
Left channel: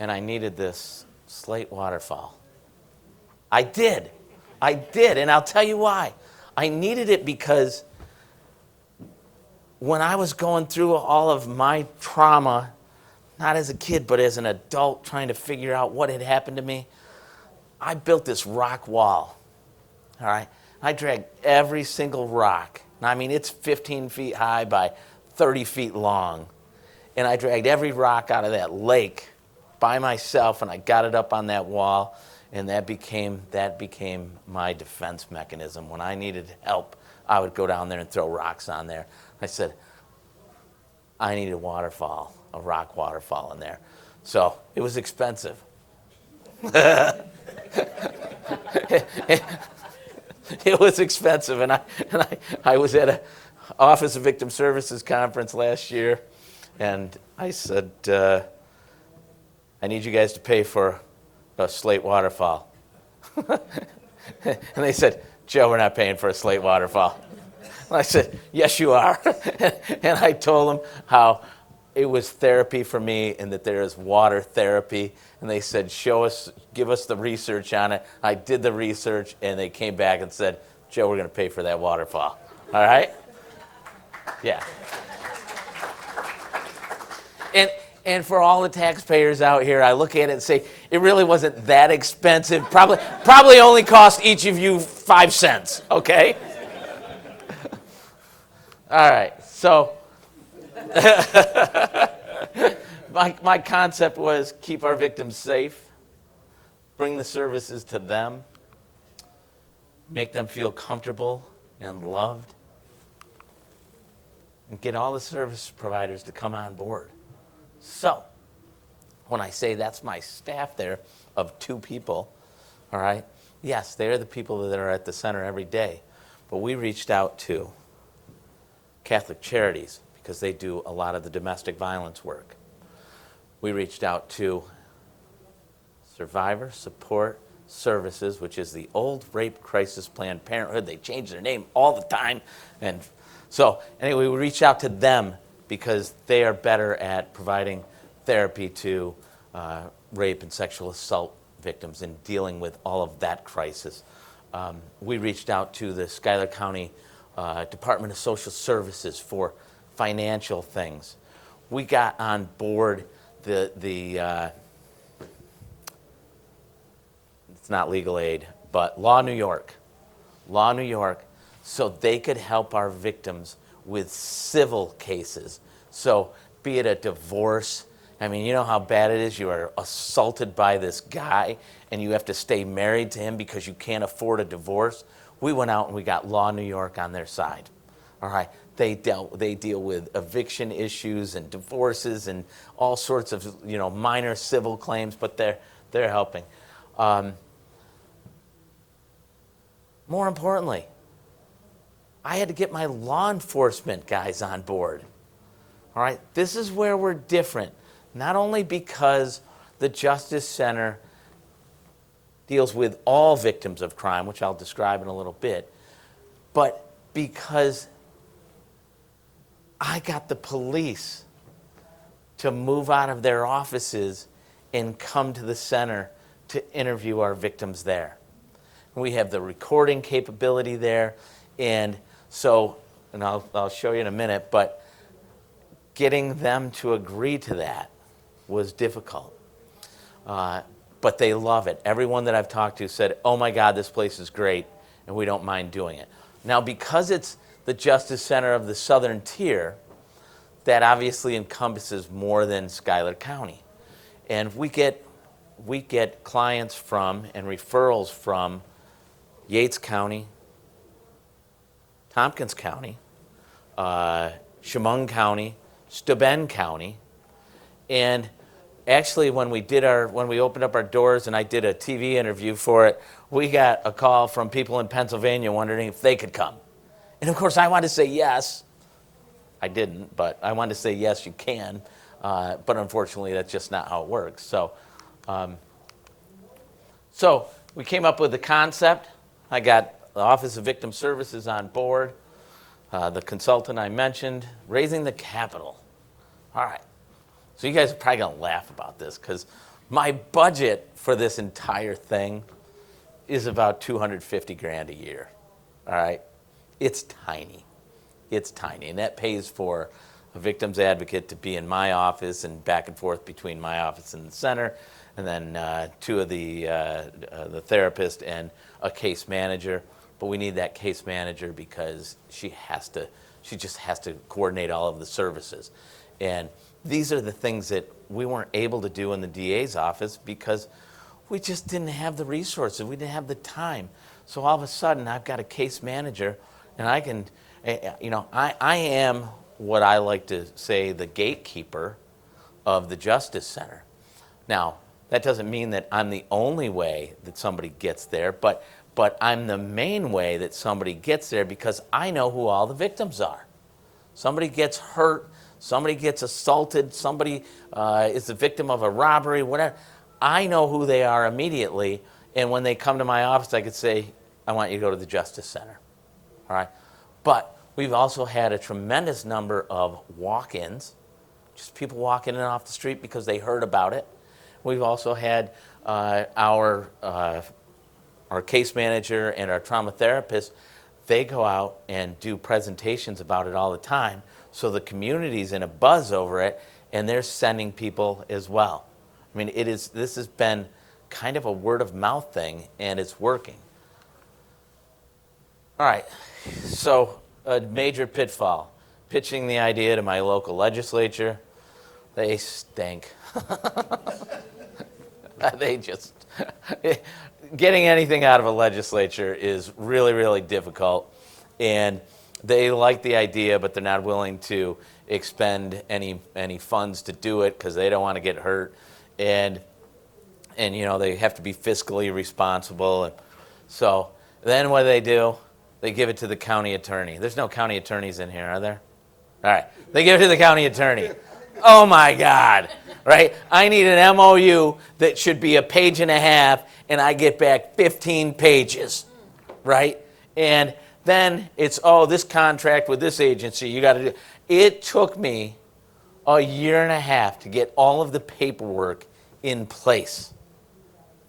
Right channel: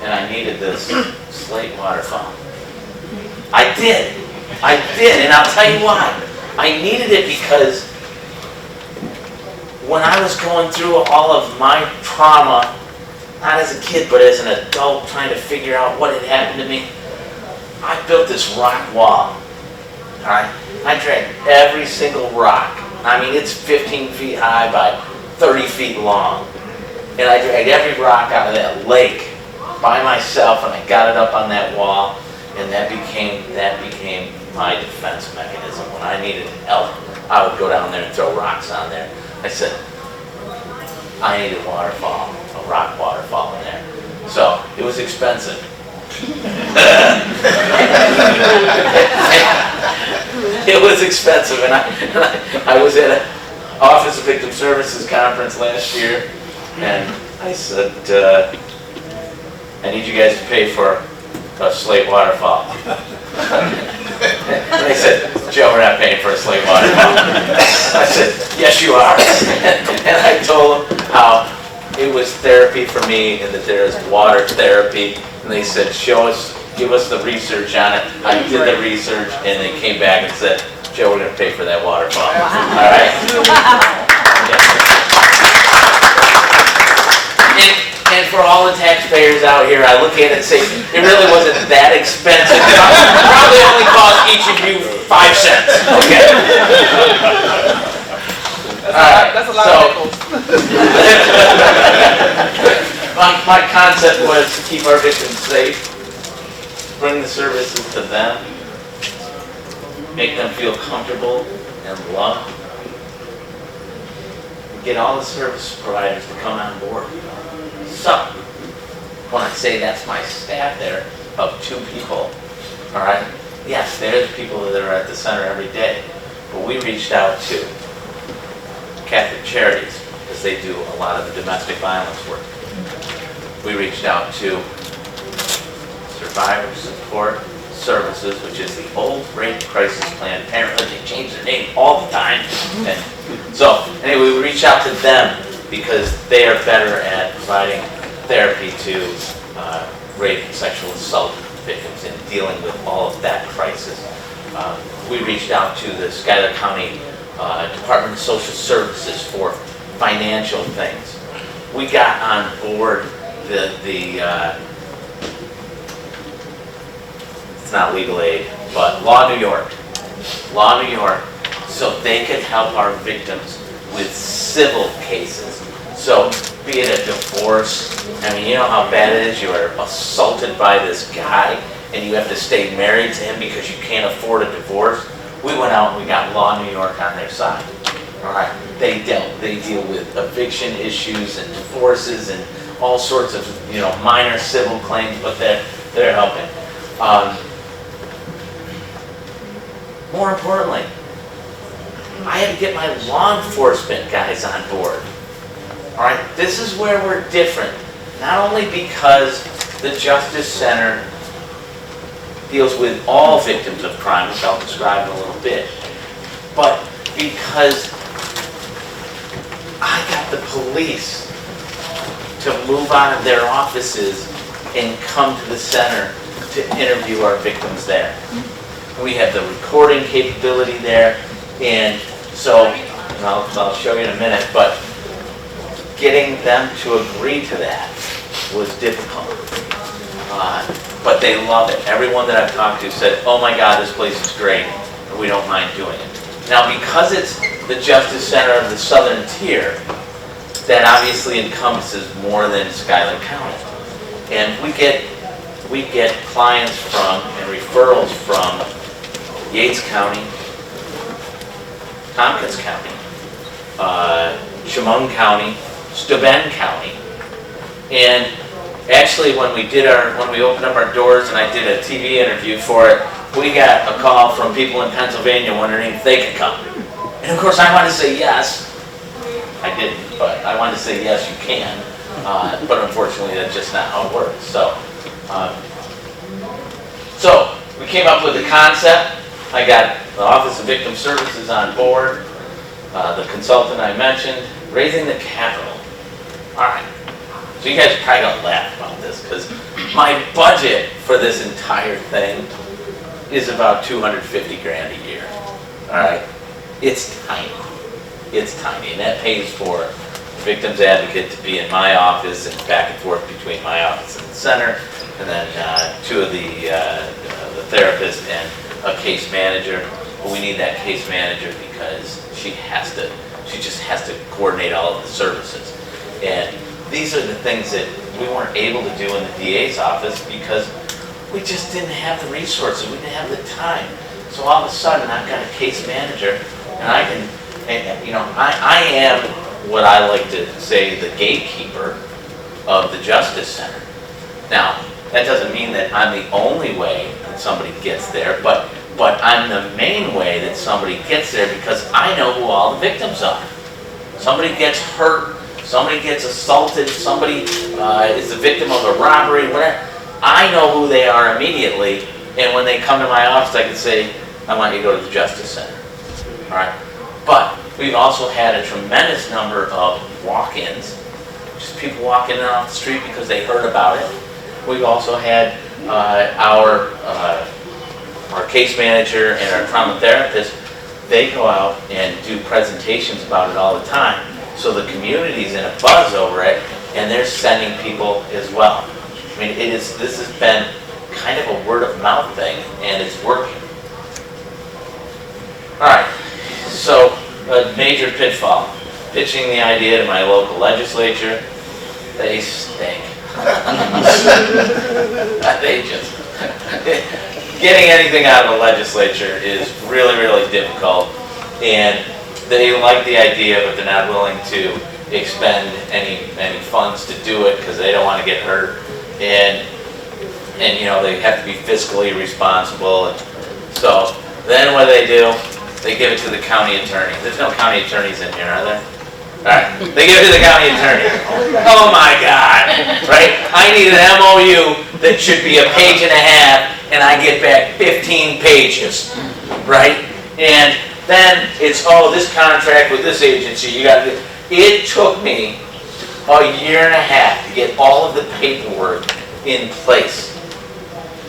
and I needed this slate waterfall. I did, and I'll tell you why. I needed it because when I was going through all of my trauma, not as a kid, but as an adult trying to figure out what had happened to me, I built this rock wall, all right? I dragged every single rock. I mean, it's 15 feet high by 30 feet long. And I dragged every rock out of that lake by myself, and I got it up on that wall, and that became my defense mechanism. When I needed help, I would go down there and throw rocks on there. I said, I need a waterfall, a rock waterfall in there. So it was expensive. It was expensive, and I was at an Office of Victim Services conference last year, and I said, I need you guys to pay for a slate waterfall. And they said, Joe, we're not paying for a slate waterfall. I said, yes, you are. And I told them how it was therapy for me and that there is water therapy. And they said, give us the research on it. I did the research, and they came back and said, Joe, we're going to pay for that waterfall. All right? Yeah. And for all the taxpayers out here, I look at it and say, it really wasn't that expensive. Probably only cost each of you 5 cents. Okay? All right. That's a lot of nickels. My concept was to keep our victims safe, bring the services to them, make them feel comfortable and loved, and get all the service providers to come on board. So, when I say that's my staff there, of 2 people, all right? Yes, they're the people that are at the center every day, but we reached out to Catholic Charities, because they do a lot of the domestic violence work. We reached out to Survivor Support Services, which is the old Rape Crisis Planned Parenthood. They change their name all the time. And so anyway, we reached out to them because they are better at providing therapy to rape and sexual assault victims and dealing with all of that crisis. We reached out to the Schuyler County Department of Social Services for financial things. We got on board it's not legal aid, but Law New York, so they could help our victims with civil cases. So be it a divorce, I mean, you know how bad it is, you are assaulted by this guy and you have to stay married to him because you can't afford a divorce. We went out and we got Law New York on their side. All right, they deal with eviction issues and divorces and all sorts of, minor civil claims, but they're helping. More importantly, I had to get my law enforcement guys on board. All right, this is where we're different. Not only because the Justice Center deals with all victims of crime, which I'll describe in a little bit, but because I got the police to move out of their offices and come to the center to interview our victims there. We have the recording capability there, and so, I'll show you in a minute, but getting them to agree to that was difficult. But they love it. Everyone that I've talked to said, oh my God, this place is great, and we don't mind doing it. Now, because it's the Justice Center of the Southern Tier, that obviously encompasses more than Schuyler County. And we get clients from and referrals from Yates County, Tompkins County, Chemung County, Steuben County, and actually when we opened up our doors and I did a TV interview for it, we got a call from people in Pennsylvania wondering if they could come. And of course I wanted to say yes. I didn't, but I wanted to say yes, you can. But unfortunately that's just not how it works. So we came up with the concept. I got the Office of Victim Services on board, the consultant I mentioned, raising the capital. All right, so you guys are probably gonna laugh about this because my budget for this entire thing is about $250 grand a year. All right, it's tiny, and that pays for the victim's advocate to be in my office and back and forth between my office and the center, and then 2 of the therapist and a case manager. Well, we need that case manager because she just has to coordinate all of the services. And these are the things that we weren't able to do in the DA's office because we just didn't have the resources, we didn't have the time. So all of a sudden I've got a case manager and I am what I like to say the gatekeeper of the Justice Center. Now, that doesn't mean that I'm the only way that somebody gets there, but I'm the main way that somebody gets there because I know who all the victims are. Somebody gets hurt, somebody gets assaulted, somebody is the victim of a robbery, whatever. I know who they are immediately, and when they come to my office, I can say, I want you to go to the Justice Center. All right? But we've also had a tremendous number of walk-ins, just people walking in off the street because they heard about it. We've also had our case manager and our trauma therapist, they go out and do presentations about it all the time. So the community's in a buzz over it, and they're sending people as well. I mean, this has been kind of a word of mouth thing, and it's working. All right, so a major pitfall. Pitching the idea to my local legislature, they stink. They just, getting anything out of a legislature is really, really difficult. And they like the idea, but they're not willing to expend any funds to do it because they don't want to get hurt. And and you know, they have to be fiscally responsible. And so then what do? They give it to the county attorney. There's no county attorneys in here, are there? All right, they give it to the county attorney. Oh my God, right? I need an MOU that should be a page and a half, and I get back 15 pages, right? And then it's, oh, this contract with this agency, you got to. It took me a year and a half to get all of the paperwork in place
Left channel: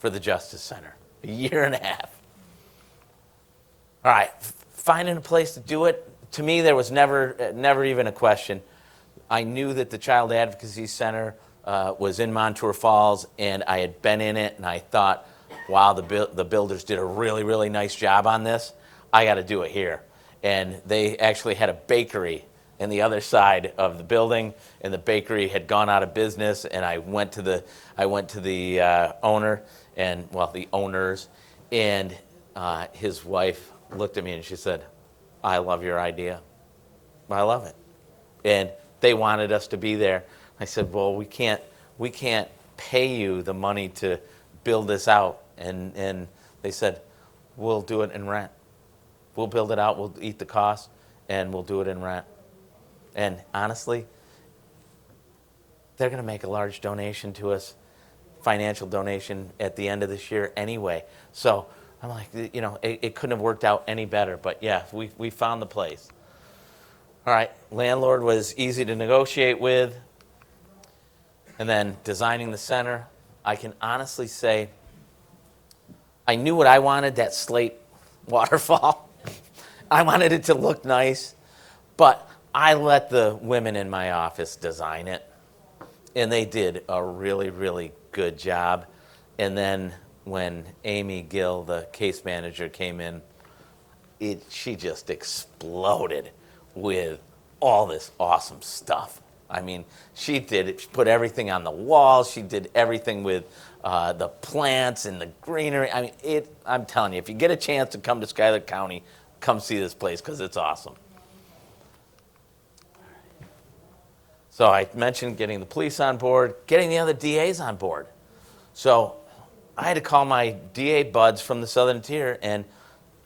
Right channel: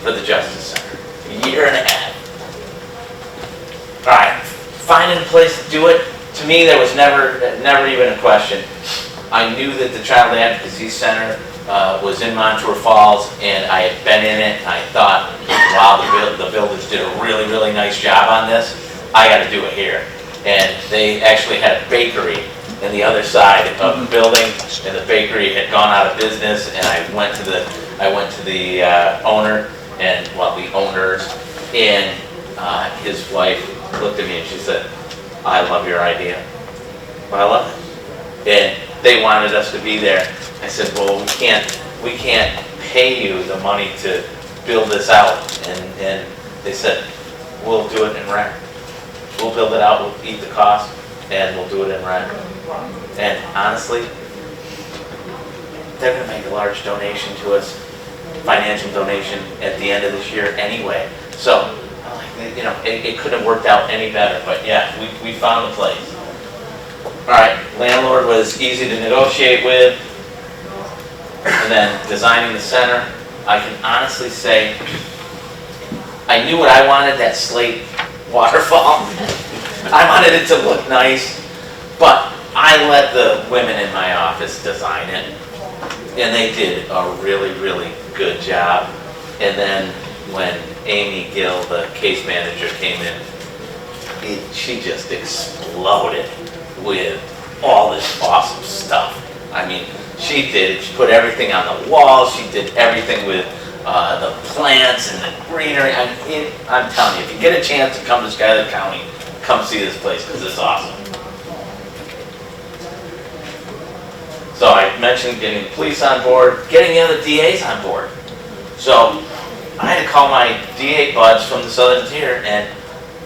for the Justice Center. A year and a half. All right, finding a place to do it. To me, there was never even a question. I knew that the Child Advocacy Center was in Montour Falls, and I had been in it, and I thought, wow, the builders did a really, really nice job on this. I got to do it here. And they actually had a bakery on the other side of the building, and the bakery had gone out of business, and I went to the owner, and well, the owners, and his wife looked at me and she said, I love your idea. Well, I love it. And they wanted us to be there. I said, well, we can't pay you the money to build this out. And they said, we'll do it in rent. We'll build it out, we'll eat the cost, and we'll do it in rent. And honestly, they're gonna make a large donation to us, financial donation at the end of this year anyway. So, you know, it couldn't have worked out any better, but yeah, we found a place. All right, landlord was easy to negotiate with, and then designing the center, I can honestly say, I knew what I wanted, that slate waterfall. I wanted it to look nice, but I let the women in my office design it, and they did a really, really good job. And then when Amy Gill, the case manager, came in, she just exploded with all this awesome stuff. I mean, she put everything on the walls, she did everything with the plants and the greenery. I'm telling you, if you get a chance to come to Schuyler County, come see this place because it's awesome. So I mentioned getting the police on board, getting the other DAs on board. So I had to call my DA buds from the Southern Tier and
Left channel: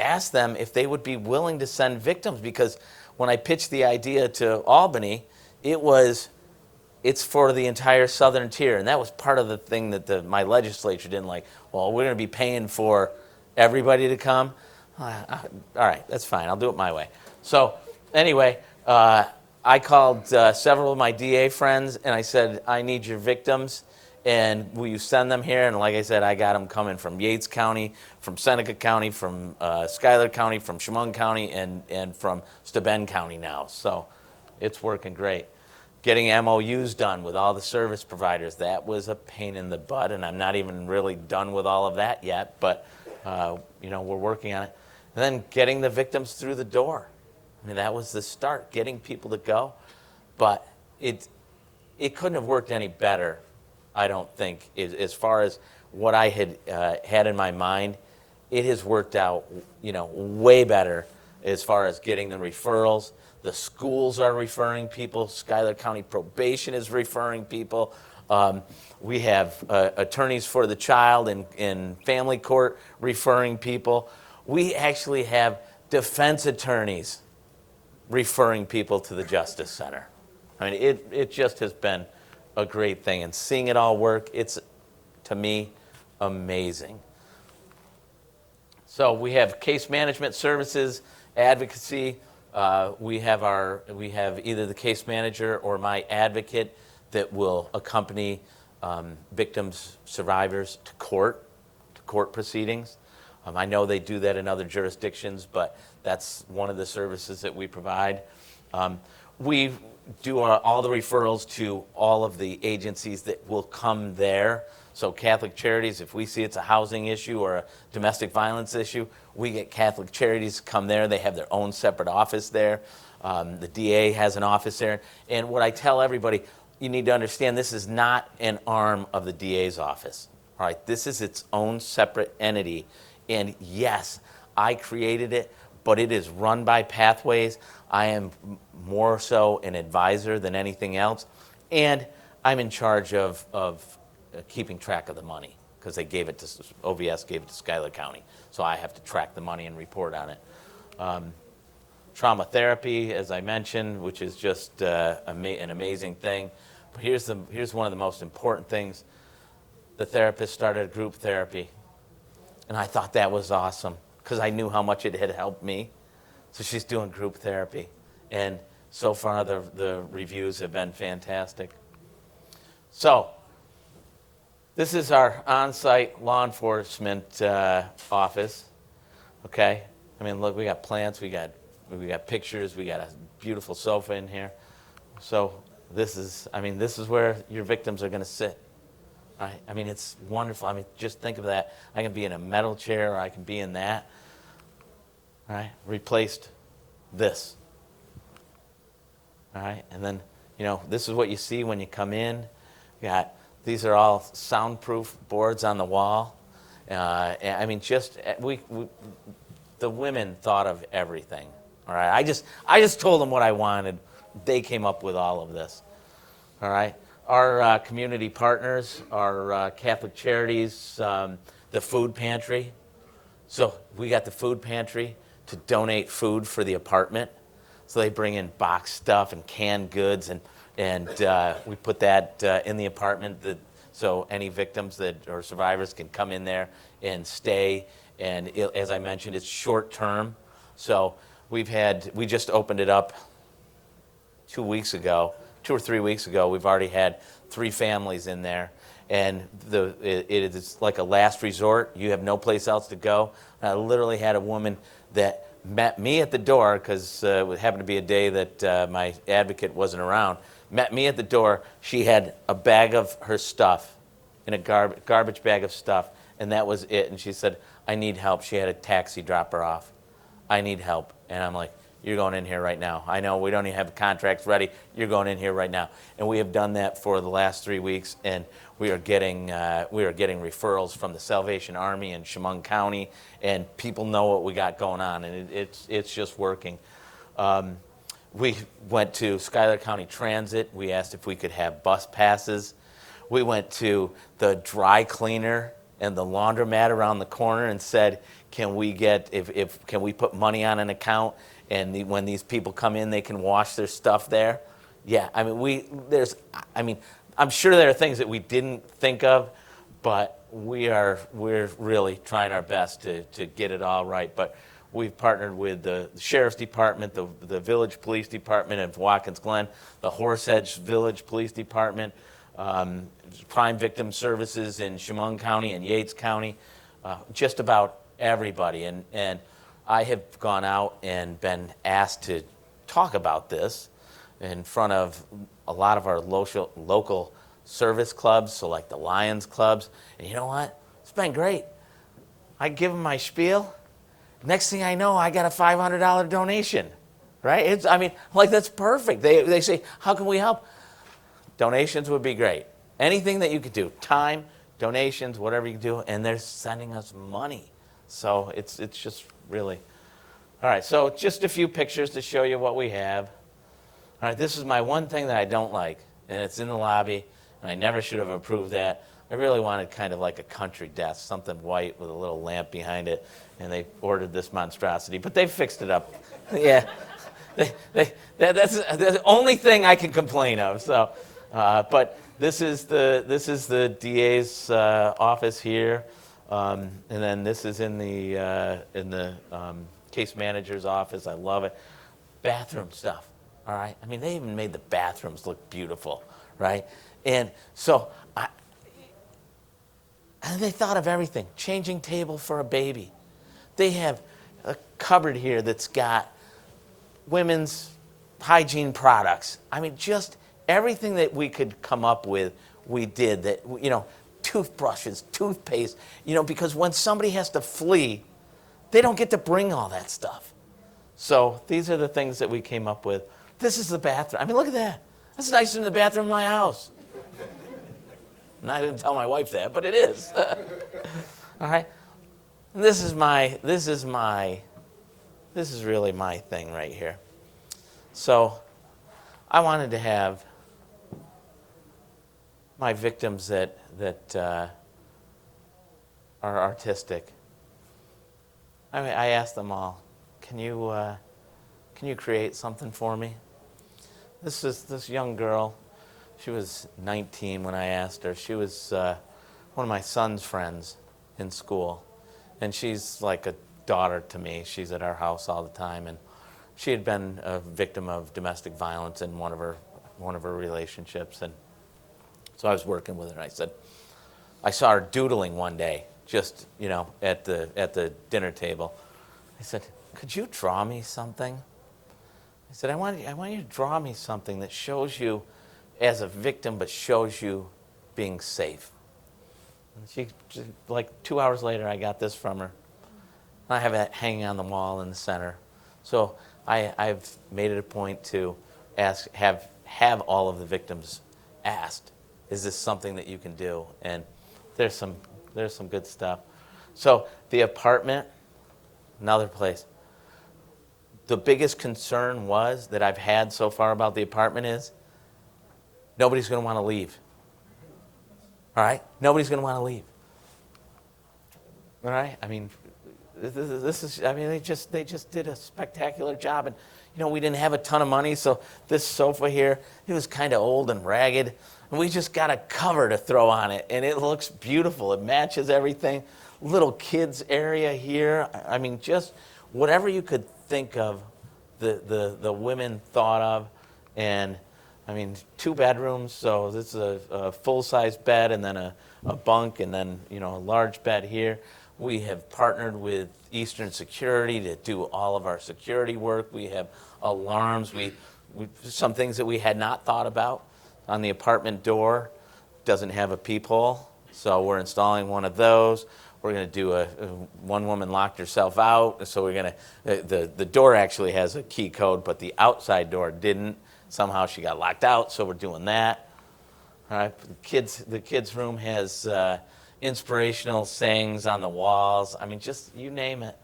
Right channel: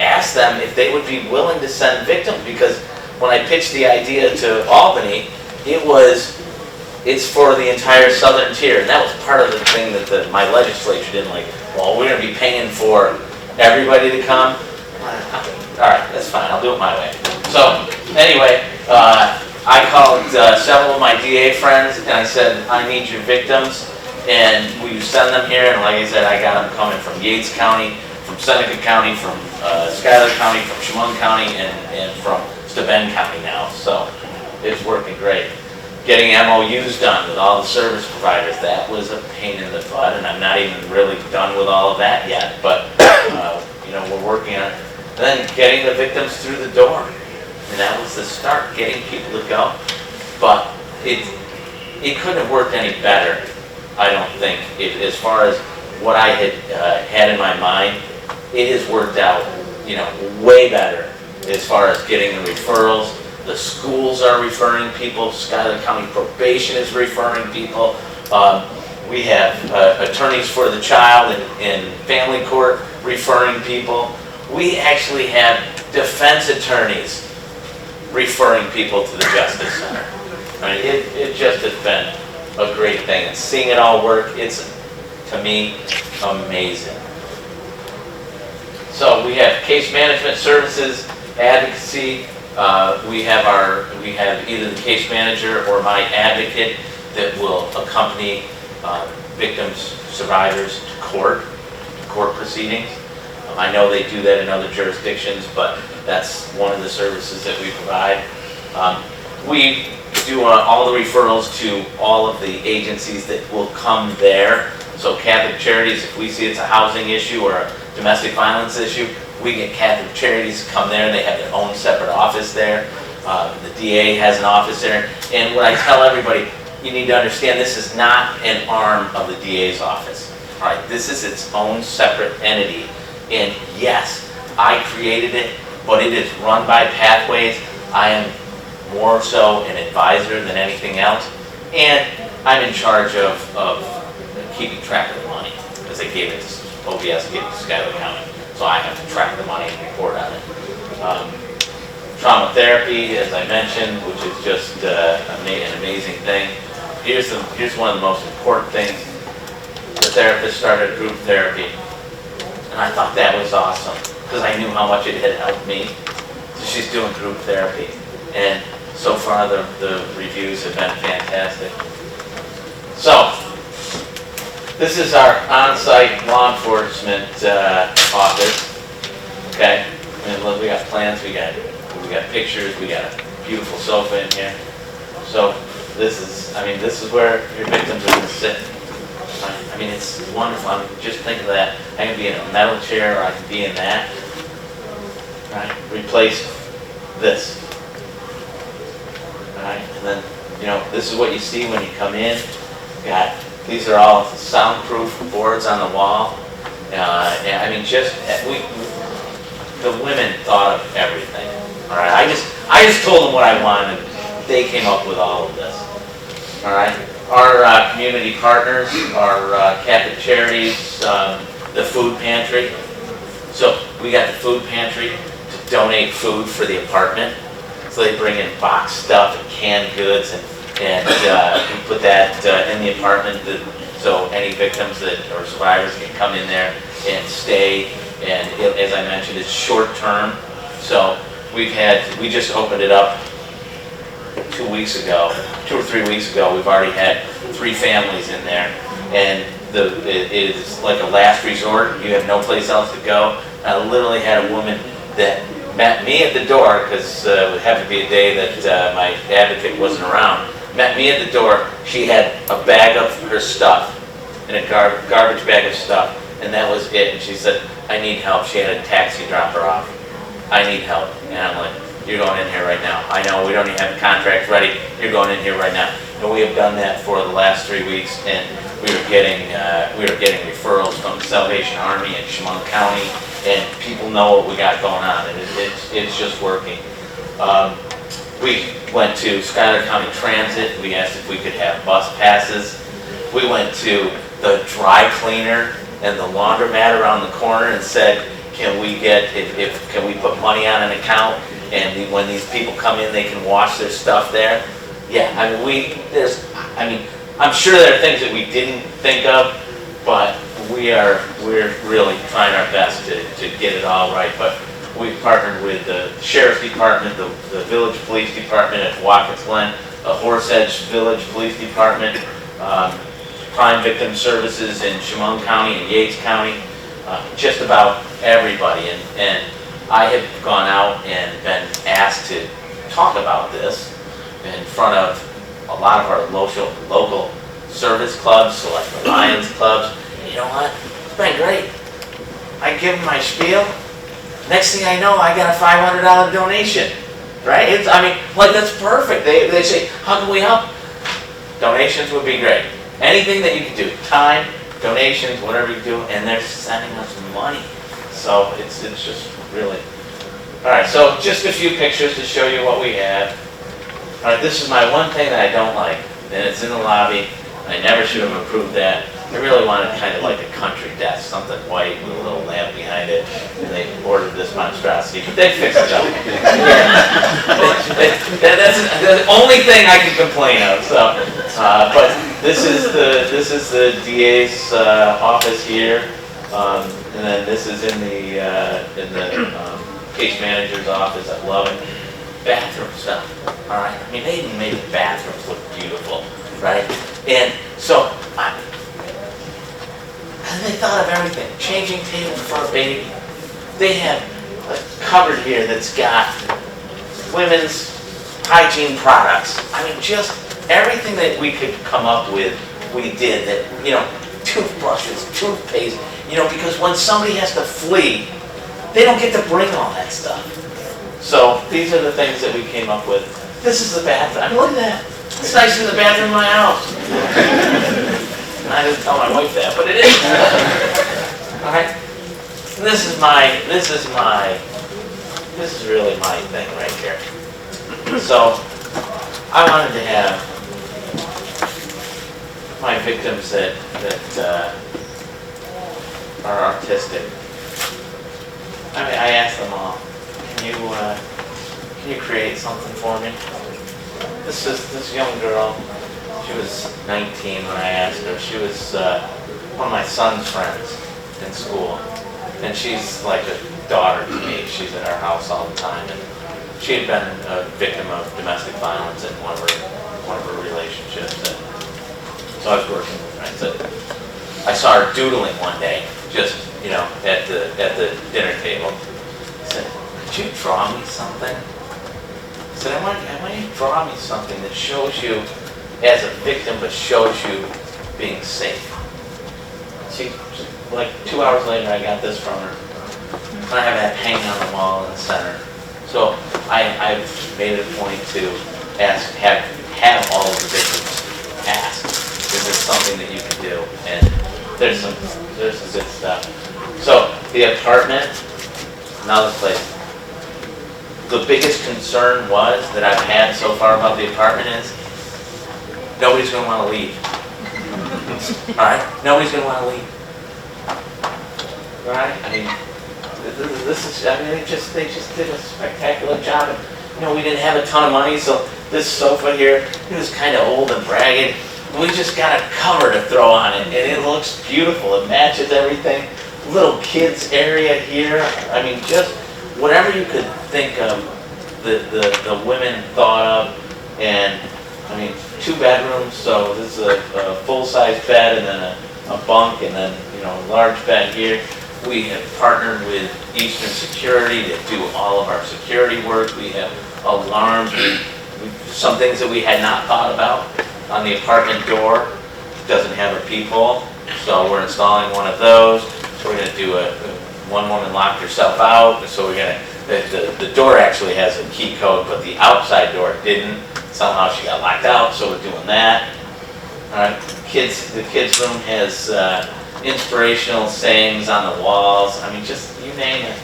ask them if they would be willing to send victims, because when I pitched the idea to Albany, it's for the entire Southern Tier, and that was part of the thing that my legislature didn't like. Well, we're going to be paying for everybody to come. All right, that's fine. I'll do it my way. So anyway, I called several of my DA friends, and I said, I need your victims. And we send them here, and like I said, I got them coming from Yates County, from Seneca County, from Schuyler County, from Chemung County, and from Steuben County now. So it's working great. Getting MOUs done with all the service providers, that was a pain in the butt, and I'm not even really done with all of that yet, but you know, we're working on it. And then getting the victims through the door. And that was the start, getting people to go. But it couldn't have worked any better, I don't think. As far as what I had in my mind, it has worked out, you know, way better as far as getting the referrals. The schools are referring people. Schuyler County Probation is referring people. We have attorneys for the child in family court referring people. We actually have defense attorneys referring people to the Justice Center. I mean, it just has been a great thing. And seeing it all work, it's, to me, amazing. So we have case management services, advocacy. We have either the case manager or my advocate that will accompany victims, survivors to court proceedings. I know they do that in other jurisdictions, but that's one of the services that we provide. We do all the referrals to all of the agencies that will come there. So Catholic Charities, if we see it's a housing issue or a domestic violence issue, we get Catholic Charities to come there. They have their own separate office there. The DA has an office there. And what I tell everybody, you need to understand this is not an arm of the DA's office. All right, this is its own separate entity. And yes, I created it, but it is run by Pathways. I am more so an advisor than anything else. And I'm in charge of keeping track of the money, because they gave it to, OBS gave it to Schuyler County. So I have to track the money and report on it. Trauma therapy, as I mentioned, which is just an amazing thing. Here's one of the most important things. The therapist started group therapy, and I thought that was awesome because I knew how much it had helped me. So she's doing group therapy, and so far the reviews have been fantastic. So this is our on-site law enforcement office. Okay, I mean, look, we got plans, we got pictures, we got a beautiful sofa in here. So this is where your victims are going to sit. I mean, it's wonderful. I mean, just think of that. I can be in a metal chair, or I can be in that. Right? Replace this. Right? And then, this is what you see when you come in. These are all soundproof boards on the wall. And I mean, the women thought of everything. All right? I just told them what I wanted. They came up with all of this. All right? Our community partners are Catholic Charities, the food pantry. So we got the food pantry to donate food for the apartment. So they bring in boxed stuff and canned goods, and we put that in the apartment so any victims or survivors can come in there and stay. And as I mentioned, it's short term. So we just opened it up 2 or 3 weeks ago. We've already had 3 families in there, and it is like a last resort. You have no place else to go. I literally had a woman that met me at the door, because it happened to be a day that my advocate wasn't around. Met me at the door. She had a bag of her stuff, in a garbage bag of stuff, and that was it. And she said, I need help. She had a taxi drop her off. I need help. And I'm like, you're going in here right now. I know we don't even have the contract ready. You're going in here right now. And we have done that for the last 3 weeks, and we were getting referrals from the Salvation Army in Chemung County, and people know what we got going on, and it's just working. We went to Schuyler County Transit. We asked if we could have bus passes. We went to the dry cleaner and the laundromat around the corner and said, can we put money on an account, and when these people come in, they can wash their stuff there? Yeah, I'm sure there are things that we didn't think of, but we're really trying our best to get it all right. But we've partnered with the Sheriff's Department, the Village Police Department at Watkins Glen, the Horse-Edge Village Police Department, Crime Victim Services in Chemung County and Yates County, just about everybody. And I have gone out and been asked to talk about this in front of a lot of our local service clubs, select Lions clubs. And you know what? It's been great. I give them my spiel. Next thing I know, I got a $500 donation. Right? That's perfect. They say, how can we help? Donations would be great. Anything that you can do, time, donations, whatever you do, and they're sending us money. So it's just really. All right, so just a few pictures to show you what we have. All right, this is my one thing that I don't like, and it's in the lobby, and I never should have approved that. I really wanted kind of like a country desk, something white with a little lamp behind it, and they ordered this monstrosity, but they fixed it up. That's the only thing I can complain of. So, but this is the DA's office here, and then this is in the case manager's office. I love it. Bathroom stuff. All right. I mean, they even made the bathrooms look beautiful, right? And so, and they thought of everything. Changing table for a baby. They have a cupboard here that's got women's hygiene products. I mean, just everything that we could come up with, we did. That, toothbrushes, toothpaste, because when somebody has to flee, they don't get to bring all that stuff. So these are the things that we came up with. This is the bathroom. I mean, look at that. It's nicer than the bathroom in my house. I didn't tell my wife that, but it is. All right. This is really my thing right here. So I wanted to have my victims that are artistic. I asked them all, can you create something for me? This young girl, she was 19 when I asked her. She was one of my son's friends in school, and she's like a daughter to me. She's at our house all the time, and she had been a victim of domestic violence in one of her relationships. And so I was working with her. I saw her doodling one day, just at the dinner table. I said, "Could you draw me something?" I said, I want you to draw me something that shows you as a victim, but shows you being safe." Like 2 hours later, I got this from her. I have that hanging on the wall in the center. So I've made it a point to have all of the victims ask, is this something that you can do? And there's some good stuff. So the apartment, another place. The biggest concern that I've had so far about the apartment is nobody's going to want to leave. All right? Nobody's going to want to leave. Right? I mean, they just did a spectacular job. We didn't have a ton of money, so this sofa here, it was kind of old and ragged. We just got a cover to throw on it, and it looks beautiful. It matches everything. Little kids area here. I mean, just whatever you could think of, the women thought of. And I mean, 2 bedrooms, so this is a full-size bed, and then a bunk, and then a large bed here. We have partnered with Eastern Security to do all of our security work. We have alarms. Some things that we had not thought about. On the apartment door, it doesn't have a peephole, so we're installing one of those. We're going to do one woman locked herself out, so we're going to, the door actually has a key code, but the outside door didn't. Somehow she got locked out, so we're doing that. All right, the kids' room has inspirational sayings on the walls. I mean, just you name it.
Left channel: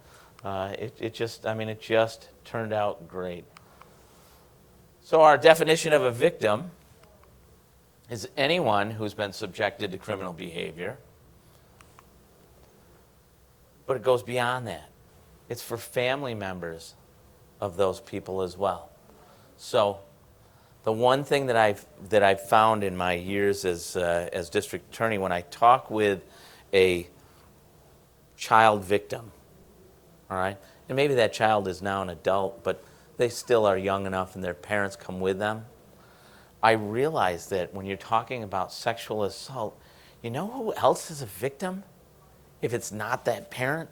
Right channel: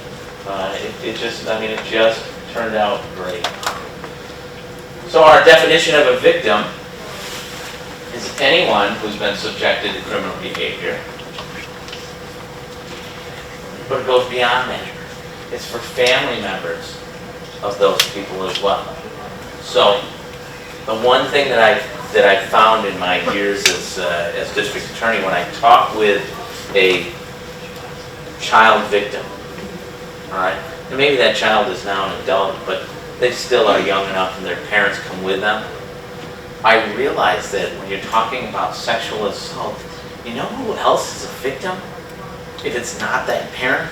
It just turned out great. So our definition of a victim is anyone who's been subjected to criminal behavior. But it goes beyond that. It's for family members of those people as well. So the one thing that I found in my years as district attorney, when I talk with a child victim, all right, and maybe that child is now an adult, but they still are young enough and their parents come with them, I realize that when you're talking about sexual assault, you know who else is a victim? If it's not that parent,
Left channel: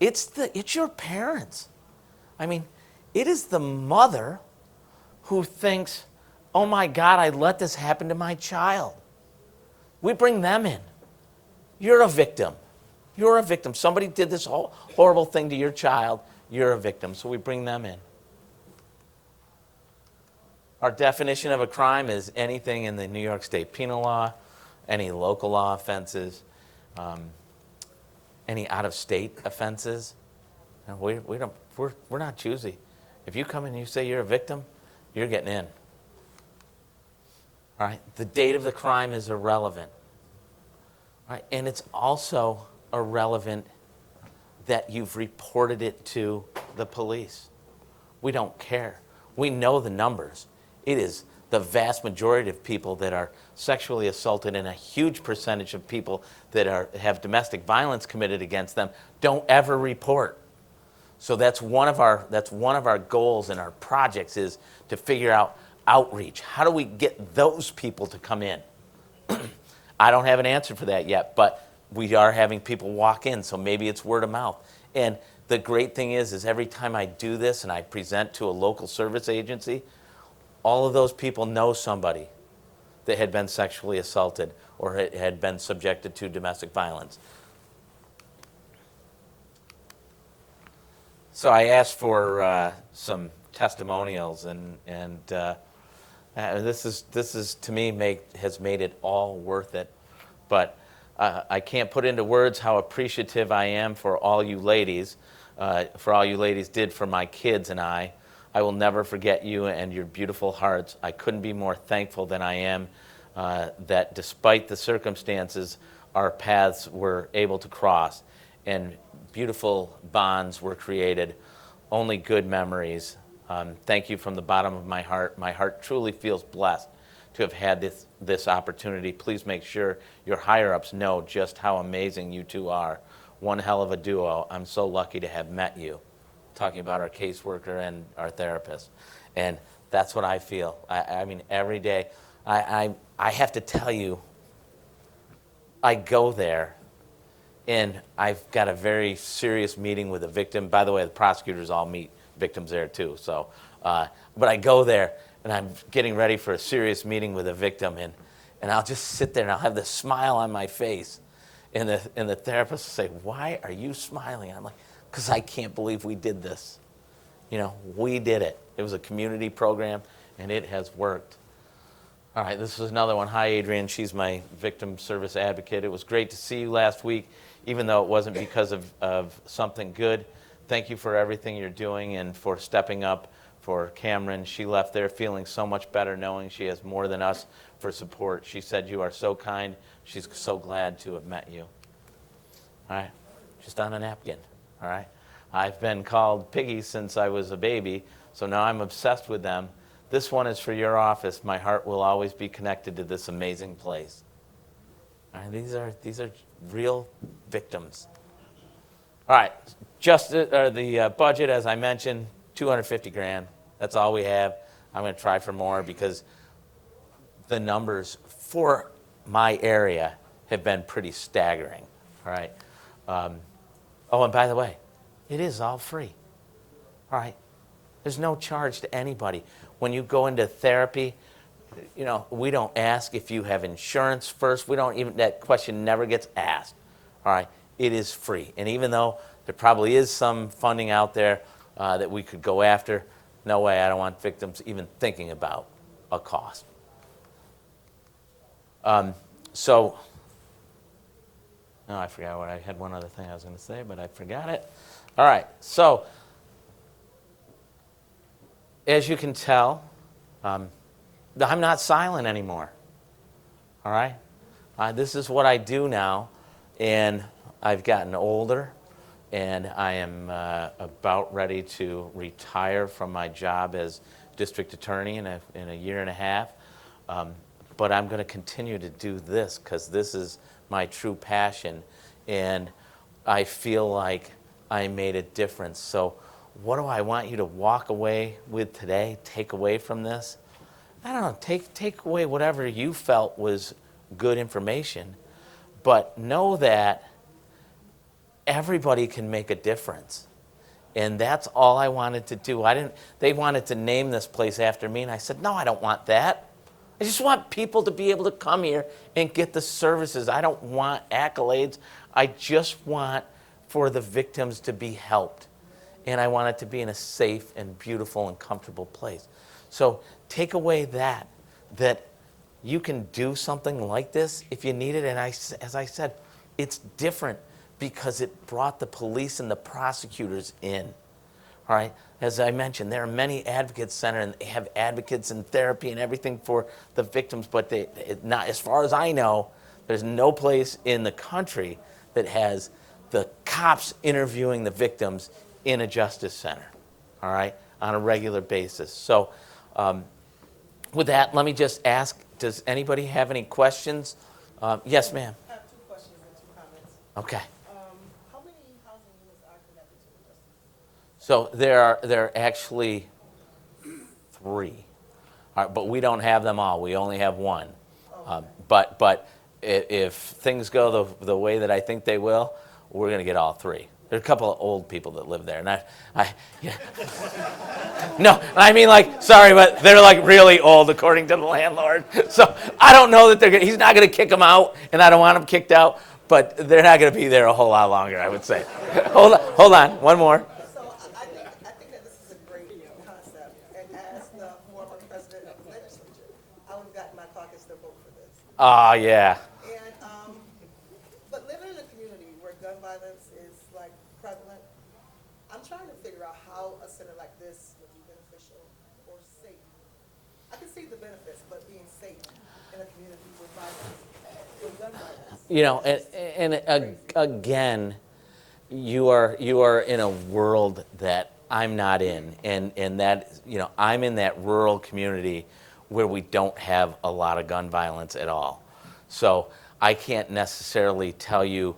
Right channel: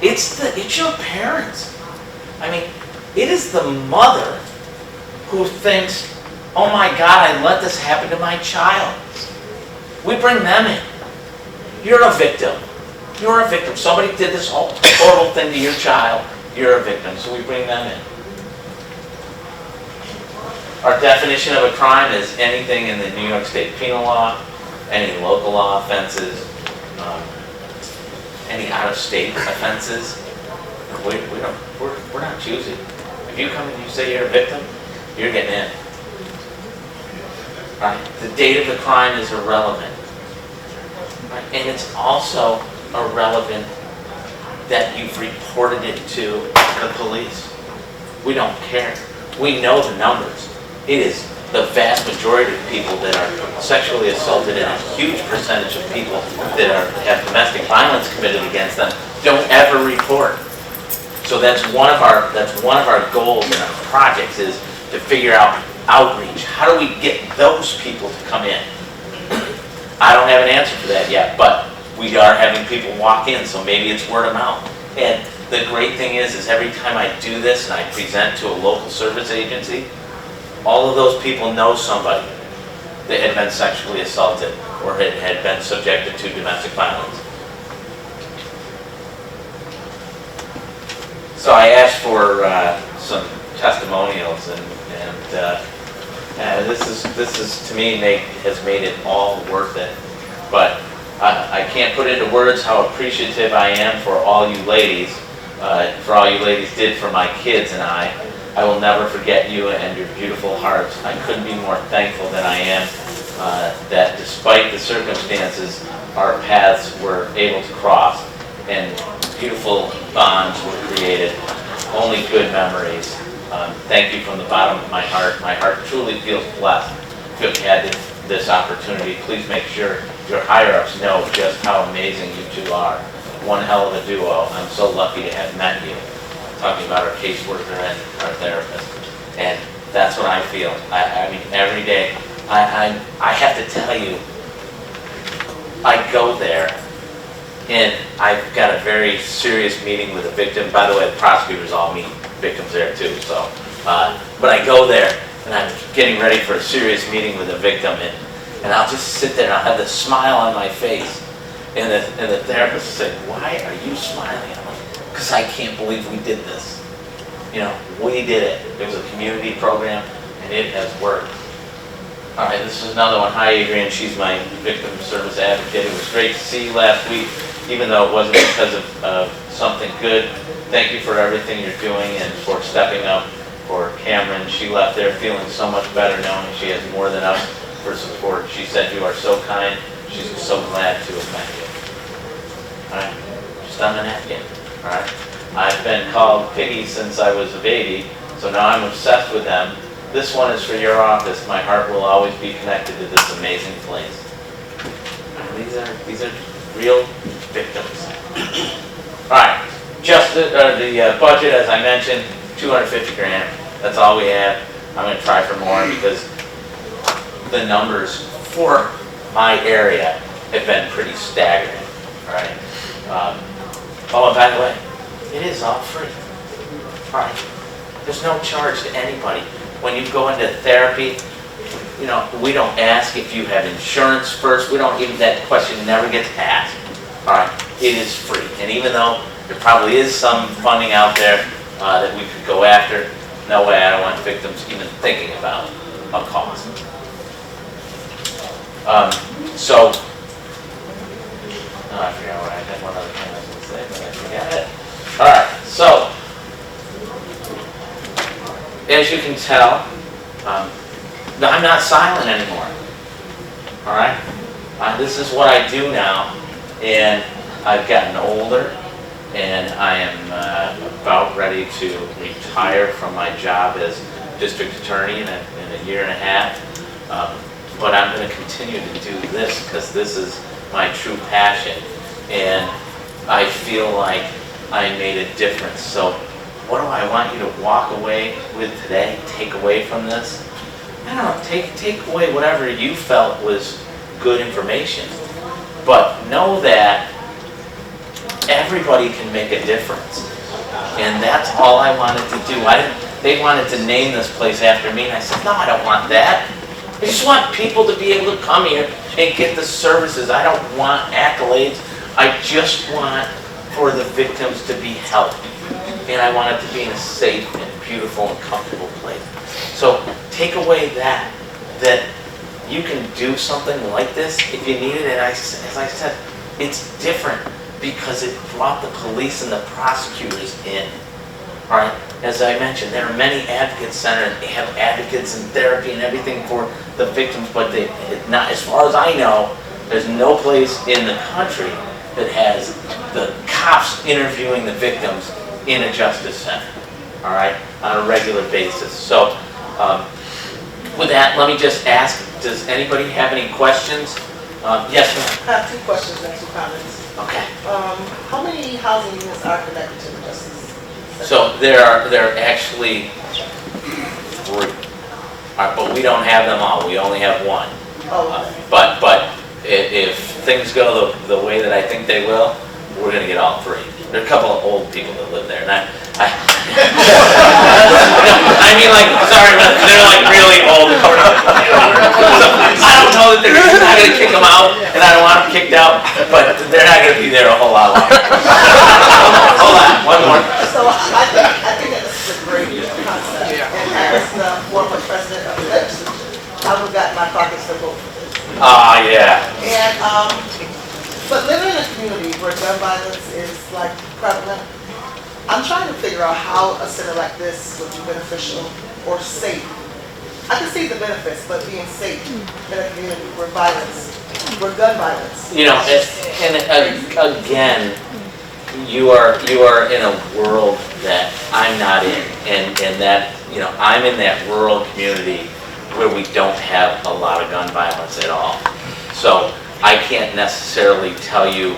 it's your parents. I mean, it is the mother who thinks, oh my God, I let this happen to my child. We bring them in. You're a victim. You're a victim. Somebody did this horrible thing to your child. You're a victim. So we bring them in. Our definition of a crime is anything in the New York State penal law, any local law offenses, any out-of-state offenses. We're not choosy. If you come and you say you're a victim, you're getting in. Right? The date of the crime is irrelevant. Right? And it's also irrelevant that you've reported it to the police. We don't care. We know the numbers. It is the vast majority of people that are sexually assaulted, and a huge percentage of people that have domestic violence committed against them don't ever report. So that's one of our goals in our projects, is to figure out outreach. How do we get those people to come in? I don't have an answer for that yet, but we are having people walk in, so maybe it's word of mouth. And the great thing is every time I do this and I present to a local service agency, all of those people know somebody that had been sexually assaulted or had been subjected to domestic violence. So I asked for some testimonials, and this is to me has made it all worth it. But I can't put into words how appreciative I am for all you ladies did for my kids and I. I will never forget you and your beautiful hearts. I couldn't be more thankful than I am that despite the circumstances, our paths were able to cross, and beautiful bonds were created, only good memories. Thank you from the bottom of my heart. My heart truly feels blessed to have had this opportunity. Please make sure your higher-ups know just how amazing you two are. One hell of a duo. I'm so lucky to have met you. Talking about our caseworker and our therapist. And that's what I feel. I mean, every day, I have to tell you, I go there, and I've got a very serious meeting with a victim. By the way, the prosecutors all meet victims there too. So, but I go there, and I'm getting ready for a serious meeting with a victim, and I'll just sit there, and I'll have this smile on my face. And the therapist will say, "Why are you smiling?" I'm like, "Because I can't believe we did this. You know, we did it. It was a community program, and it has worked." All right, this is another one. Hi, Adrian. She's my victim service advocate. It was great to see you last week, even though it wasn't because of something good. Thank you for everything you're doing and for stepping up for Cameron. She left there feeling so much better, knowing she has more than us for support. She said, "You are so kind. She's so glad to have met you." All right, just on the napkin. All right, I've been called Piggy since I was a baby, so now I'm obsessed with them. This one is for your office. My heart will always be connected to this amazing place. And these are real victims. All right, just the budget, as I mentioned, 250 grand. That's all we have. I'm going to try for more because the numbers for my area have been pretty staggering. All right. Oh, and by the way, it is all free. All right. There's no charge to anybody. When you go into therapy, you know, we don't ask if you have insurance first. We don't even, that question never gets asked. All right. It is free. And even though there probably is some funding out there that we could go after, no way I don't want victims even thinking about a cost. So, I forgot what I had one other thing I was going to say, but I forgot it. All right, so, as you can tell, I'm not silent anymore. All right? This is what I do now, and I've gotten older, and I am about ready to retire from my job as district attorney in a year and a half. But I'm going to continue to do this because this is my true passion, and I feel like I made a difference. So what do I want you to walk away with today, take away from this? I don't know, take away whatever you felt was good information, but know that everybody can make a difference, and that's all I wanted to do. They wanted to name this place after me, and I said, no, I don't want that. I just want people to be able to come here and get the services. I don't want accolades. I just want for the victims to be helped. And I want it to be in a safe and beautiful and comfortable place. So take away that you can do something like this if you need it. And as I said, it's different because it brought the police and the prosecutors in. All right? As I mentioned, there are many advocate centers. They have advocates and therapy and everything for the victims, but not, as far as I know, there's no place in the country that has the cops interviewing the victims in a justice center, all right, on a regular basis. So with that, let me just ask, does anybody have any questions? Yes, ma'am. I have two questions and two comments. Okay. How many housing units are connected to the Justice Center? So there are actually 3, but we don't have them all. We only have 1. Oh, okay. But if things go the way that I think they will, we're going to get all 3. There are a couple of old people that live there, and I mean, like, sorry, but they're like really old according to so I don't know that they're not going to kick them out, and I don't want them kicked out, but they're not going to be there a whole lot longer. Hold on, one more. So I think that this is a great concept. And as the former president of the legislature, I would have gotten my caucus to vote for this. Ah, yeah. And but living in a community where gun violence is like prevalent, I'm trying to figure out how a center like this would be beneficial or safe. I can see the benefits, but being safe in a community where violence where gun violence. You know, again, you are in a world that I'm not in, and that, you know, I'm in that rural community where we don't have a lot of gun violence at all. So I can't necessarily tell you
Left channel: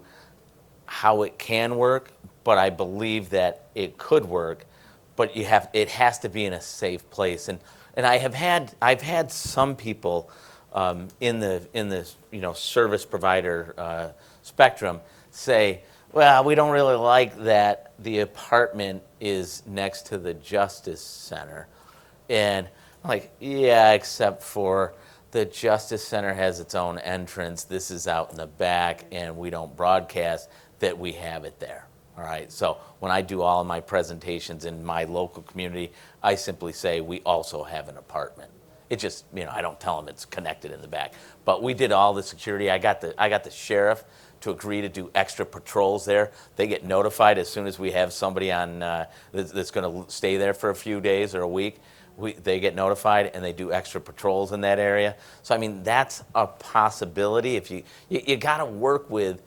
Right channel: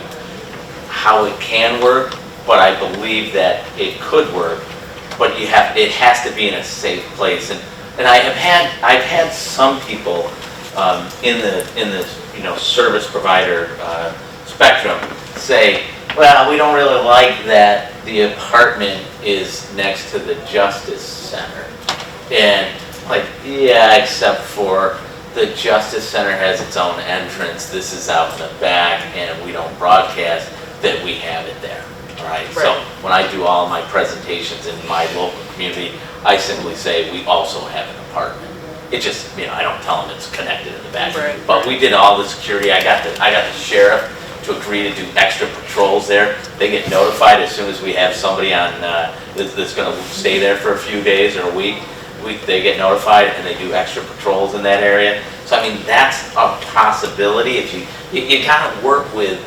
how it can work, but I believe that it could work. But it has to be in a safe place. And I've had some people in the you know, service provider spectrum say, well, we don't really like that the apartment is next to the Justice Center. And like, yeah, except for the Justice Center has its own entrance. This is out in the back, and we don't broadcast that we have it there. All right. So when I do all my presentations in my local community, I simply say we also have an apartment. It just, you know, I don't tell them it's connected in the back. But we did all the security. I got the sheriff to agree to do extra patrols there. They get notified as soon as we have somebody on that's going to stay there for a few days or a week. They get notified, and they do extra patrols in that area. So I mean, that's a possibility. If you got to work with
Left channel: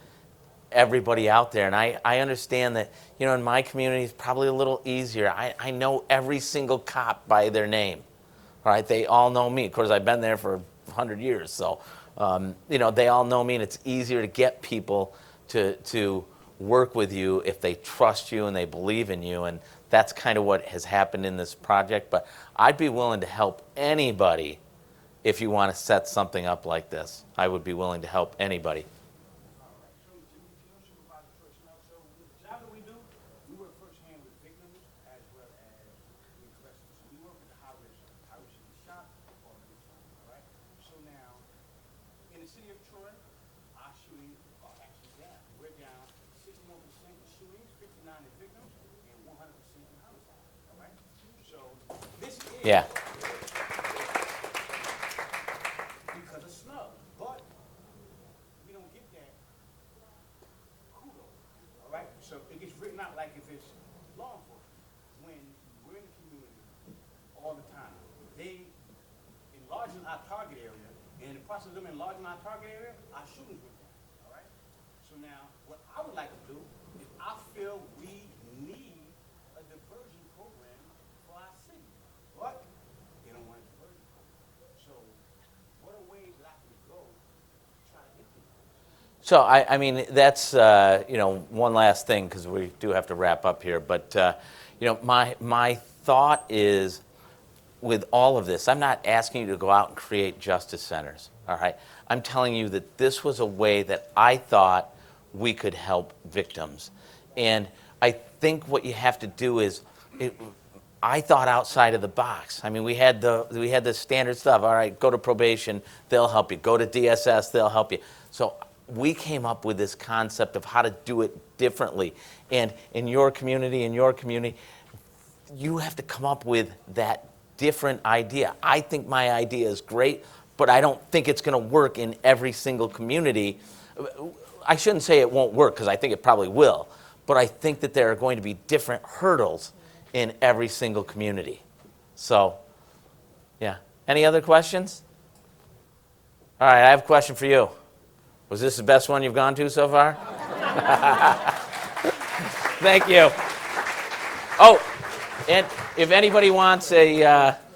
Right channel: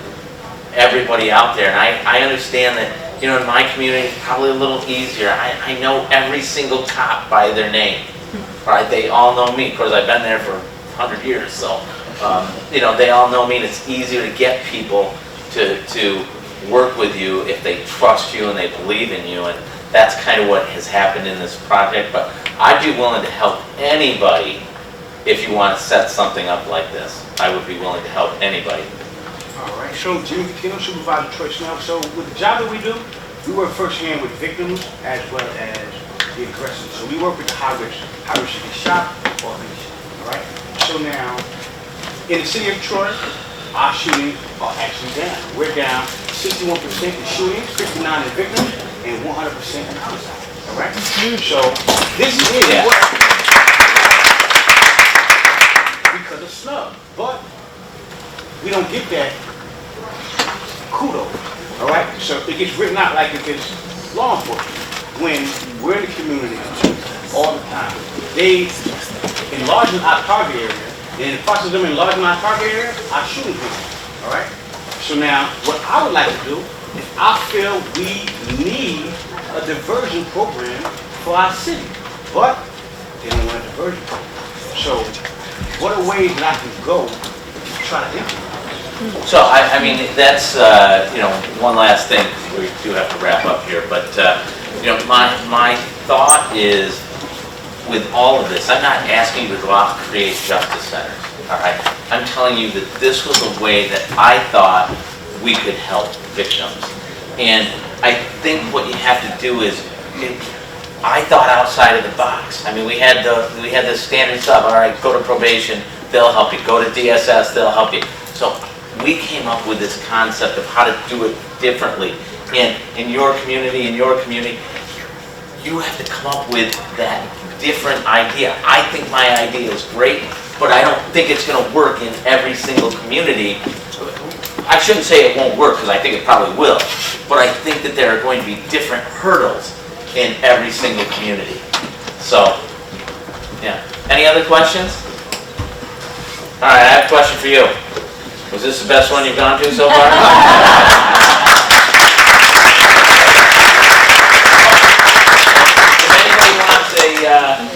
everybody out there, and I understand that, you know, in my community it's probably a little easier. I know every single cop by their name, right? They all know me. Of course, I've been there for 100 years, so you know, they all know me, and it's easier to get people to work with you if they trust you and they believe in you, and that's kind of what has happened in this project. But I'd be willing to help anybody if you want to set something up like this. I would be willing to help anybody. All right, so Jimmy Catino, Supervisor Troy Snell. So with the job that we do, we work firsthand with victims as well as the aggressors. So we work with the high risk to get shot or be shot. All right. So now, in the city of Troy, our shootings are actually down. We're down 61% in shootings, 59% in victims, and 100% in homicide. All right. So this is because of snub, but we don't get that kudos, all right? So it gets written out like if it's law enforcement. When we're in the community all the time, they enlarging our target area, and in the process of them enlarging our target area, our shooting people, all right? So now, what I would like to do is I feel we need a diversion program for our city, but they don't want a diversion program. So what are ways that I can go to try to implement? So, I mean, that's, you know, one last thing, we do have to wrap up here, but, you know, my thought is, with all of this, I'm not asking you to go out and create justice centers, all right? I'm telling you that this was a way that I thought we could help victims. And I think what you have to do is, I thought outside of the box. I mean, we had the standard stuff, all right, go to probation, they'll help you, go to DSS, they'll help you. So we came up with this concept of how to do it differently. And in your community, you have to come up with that different idea. I think my idea is great, but I don't think it's going to work in every single community. I shouldn't say it won't work, because I think it probably will, but I think that there are going to be different hurdles in every single community. So, yeah. Any other questions? All right, I have a question for you. Was this the best one you've gone to so far? Thank you. Oh, if anybody wants a...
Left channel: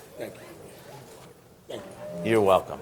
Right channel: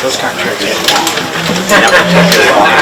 Those contracts.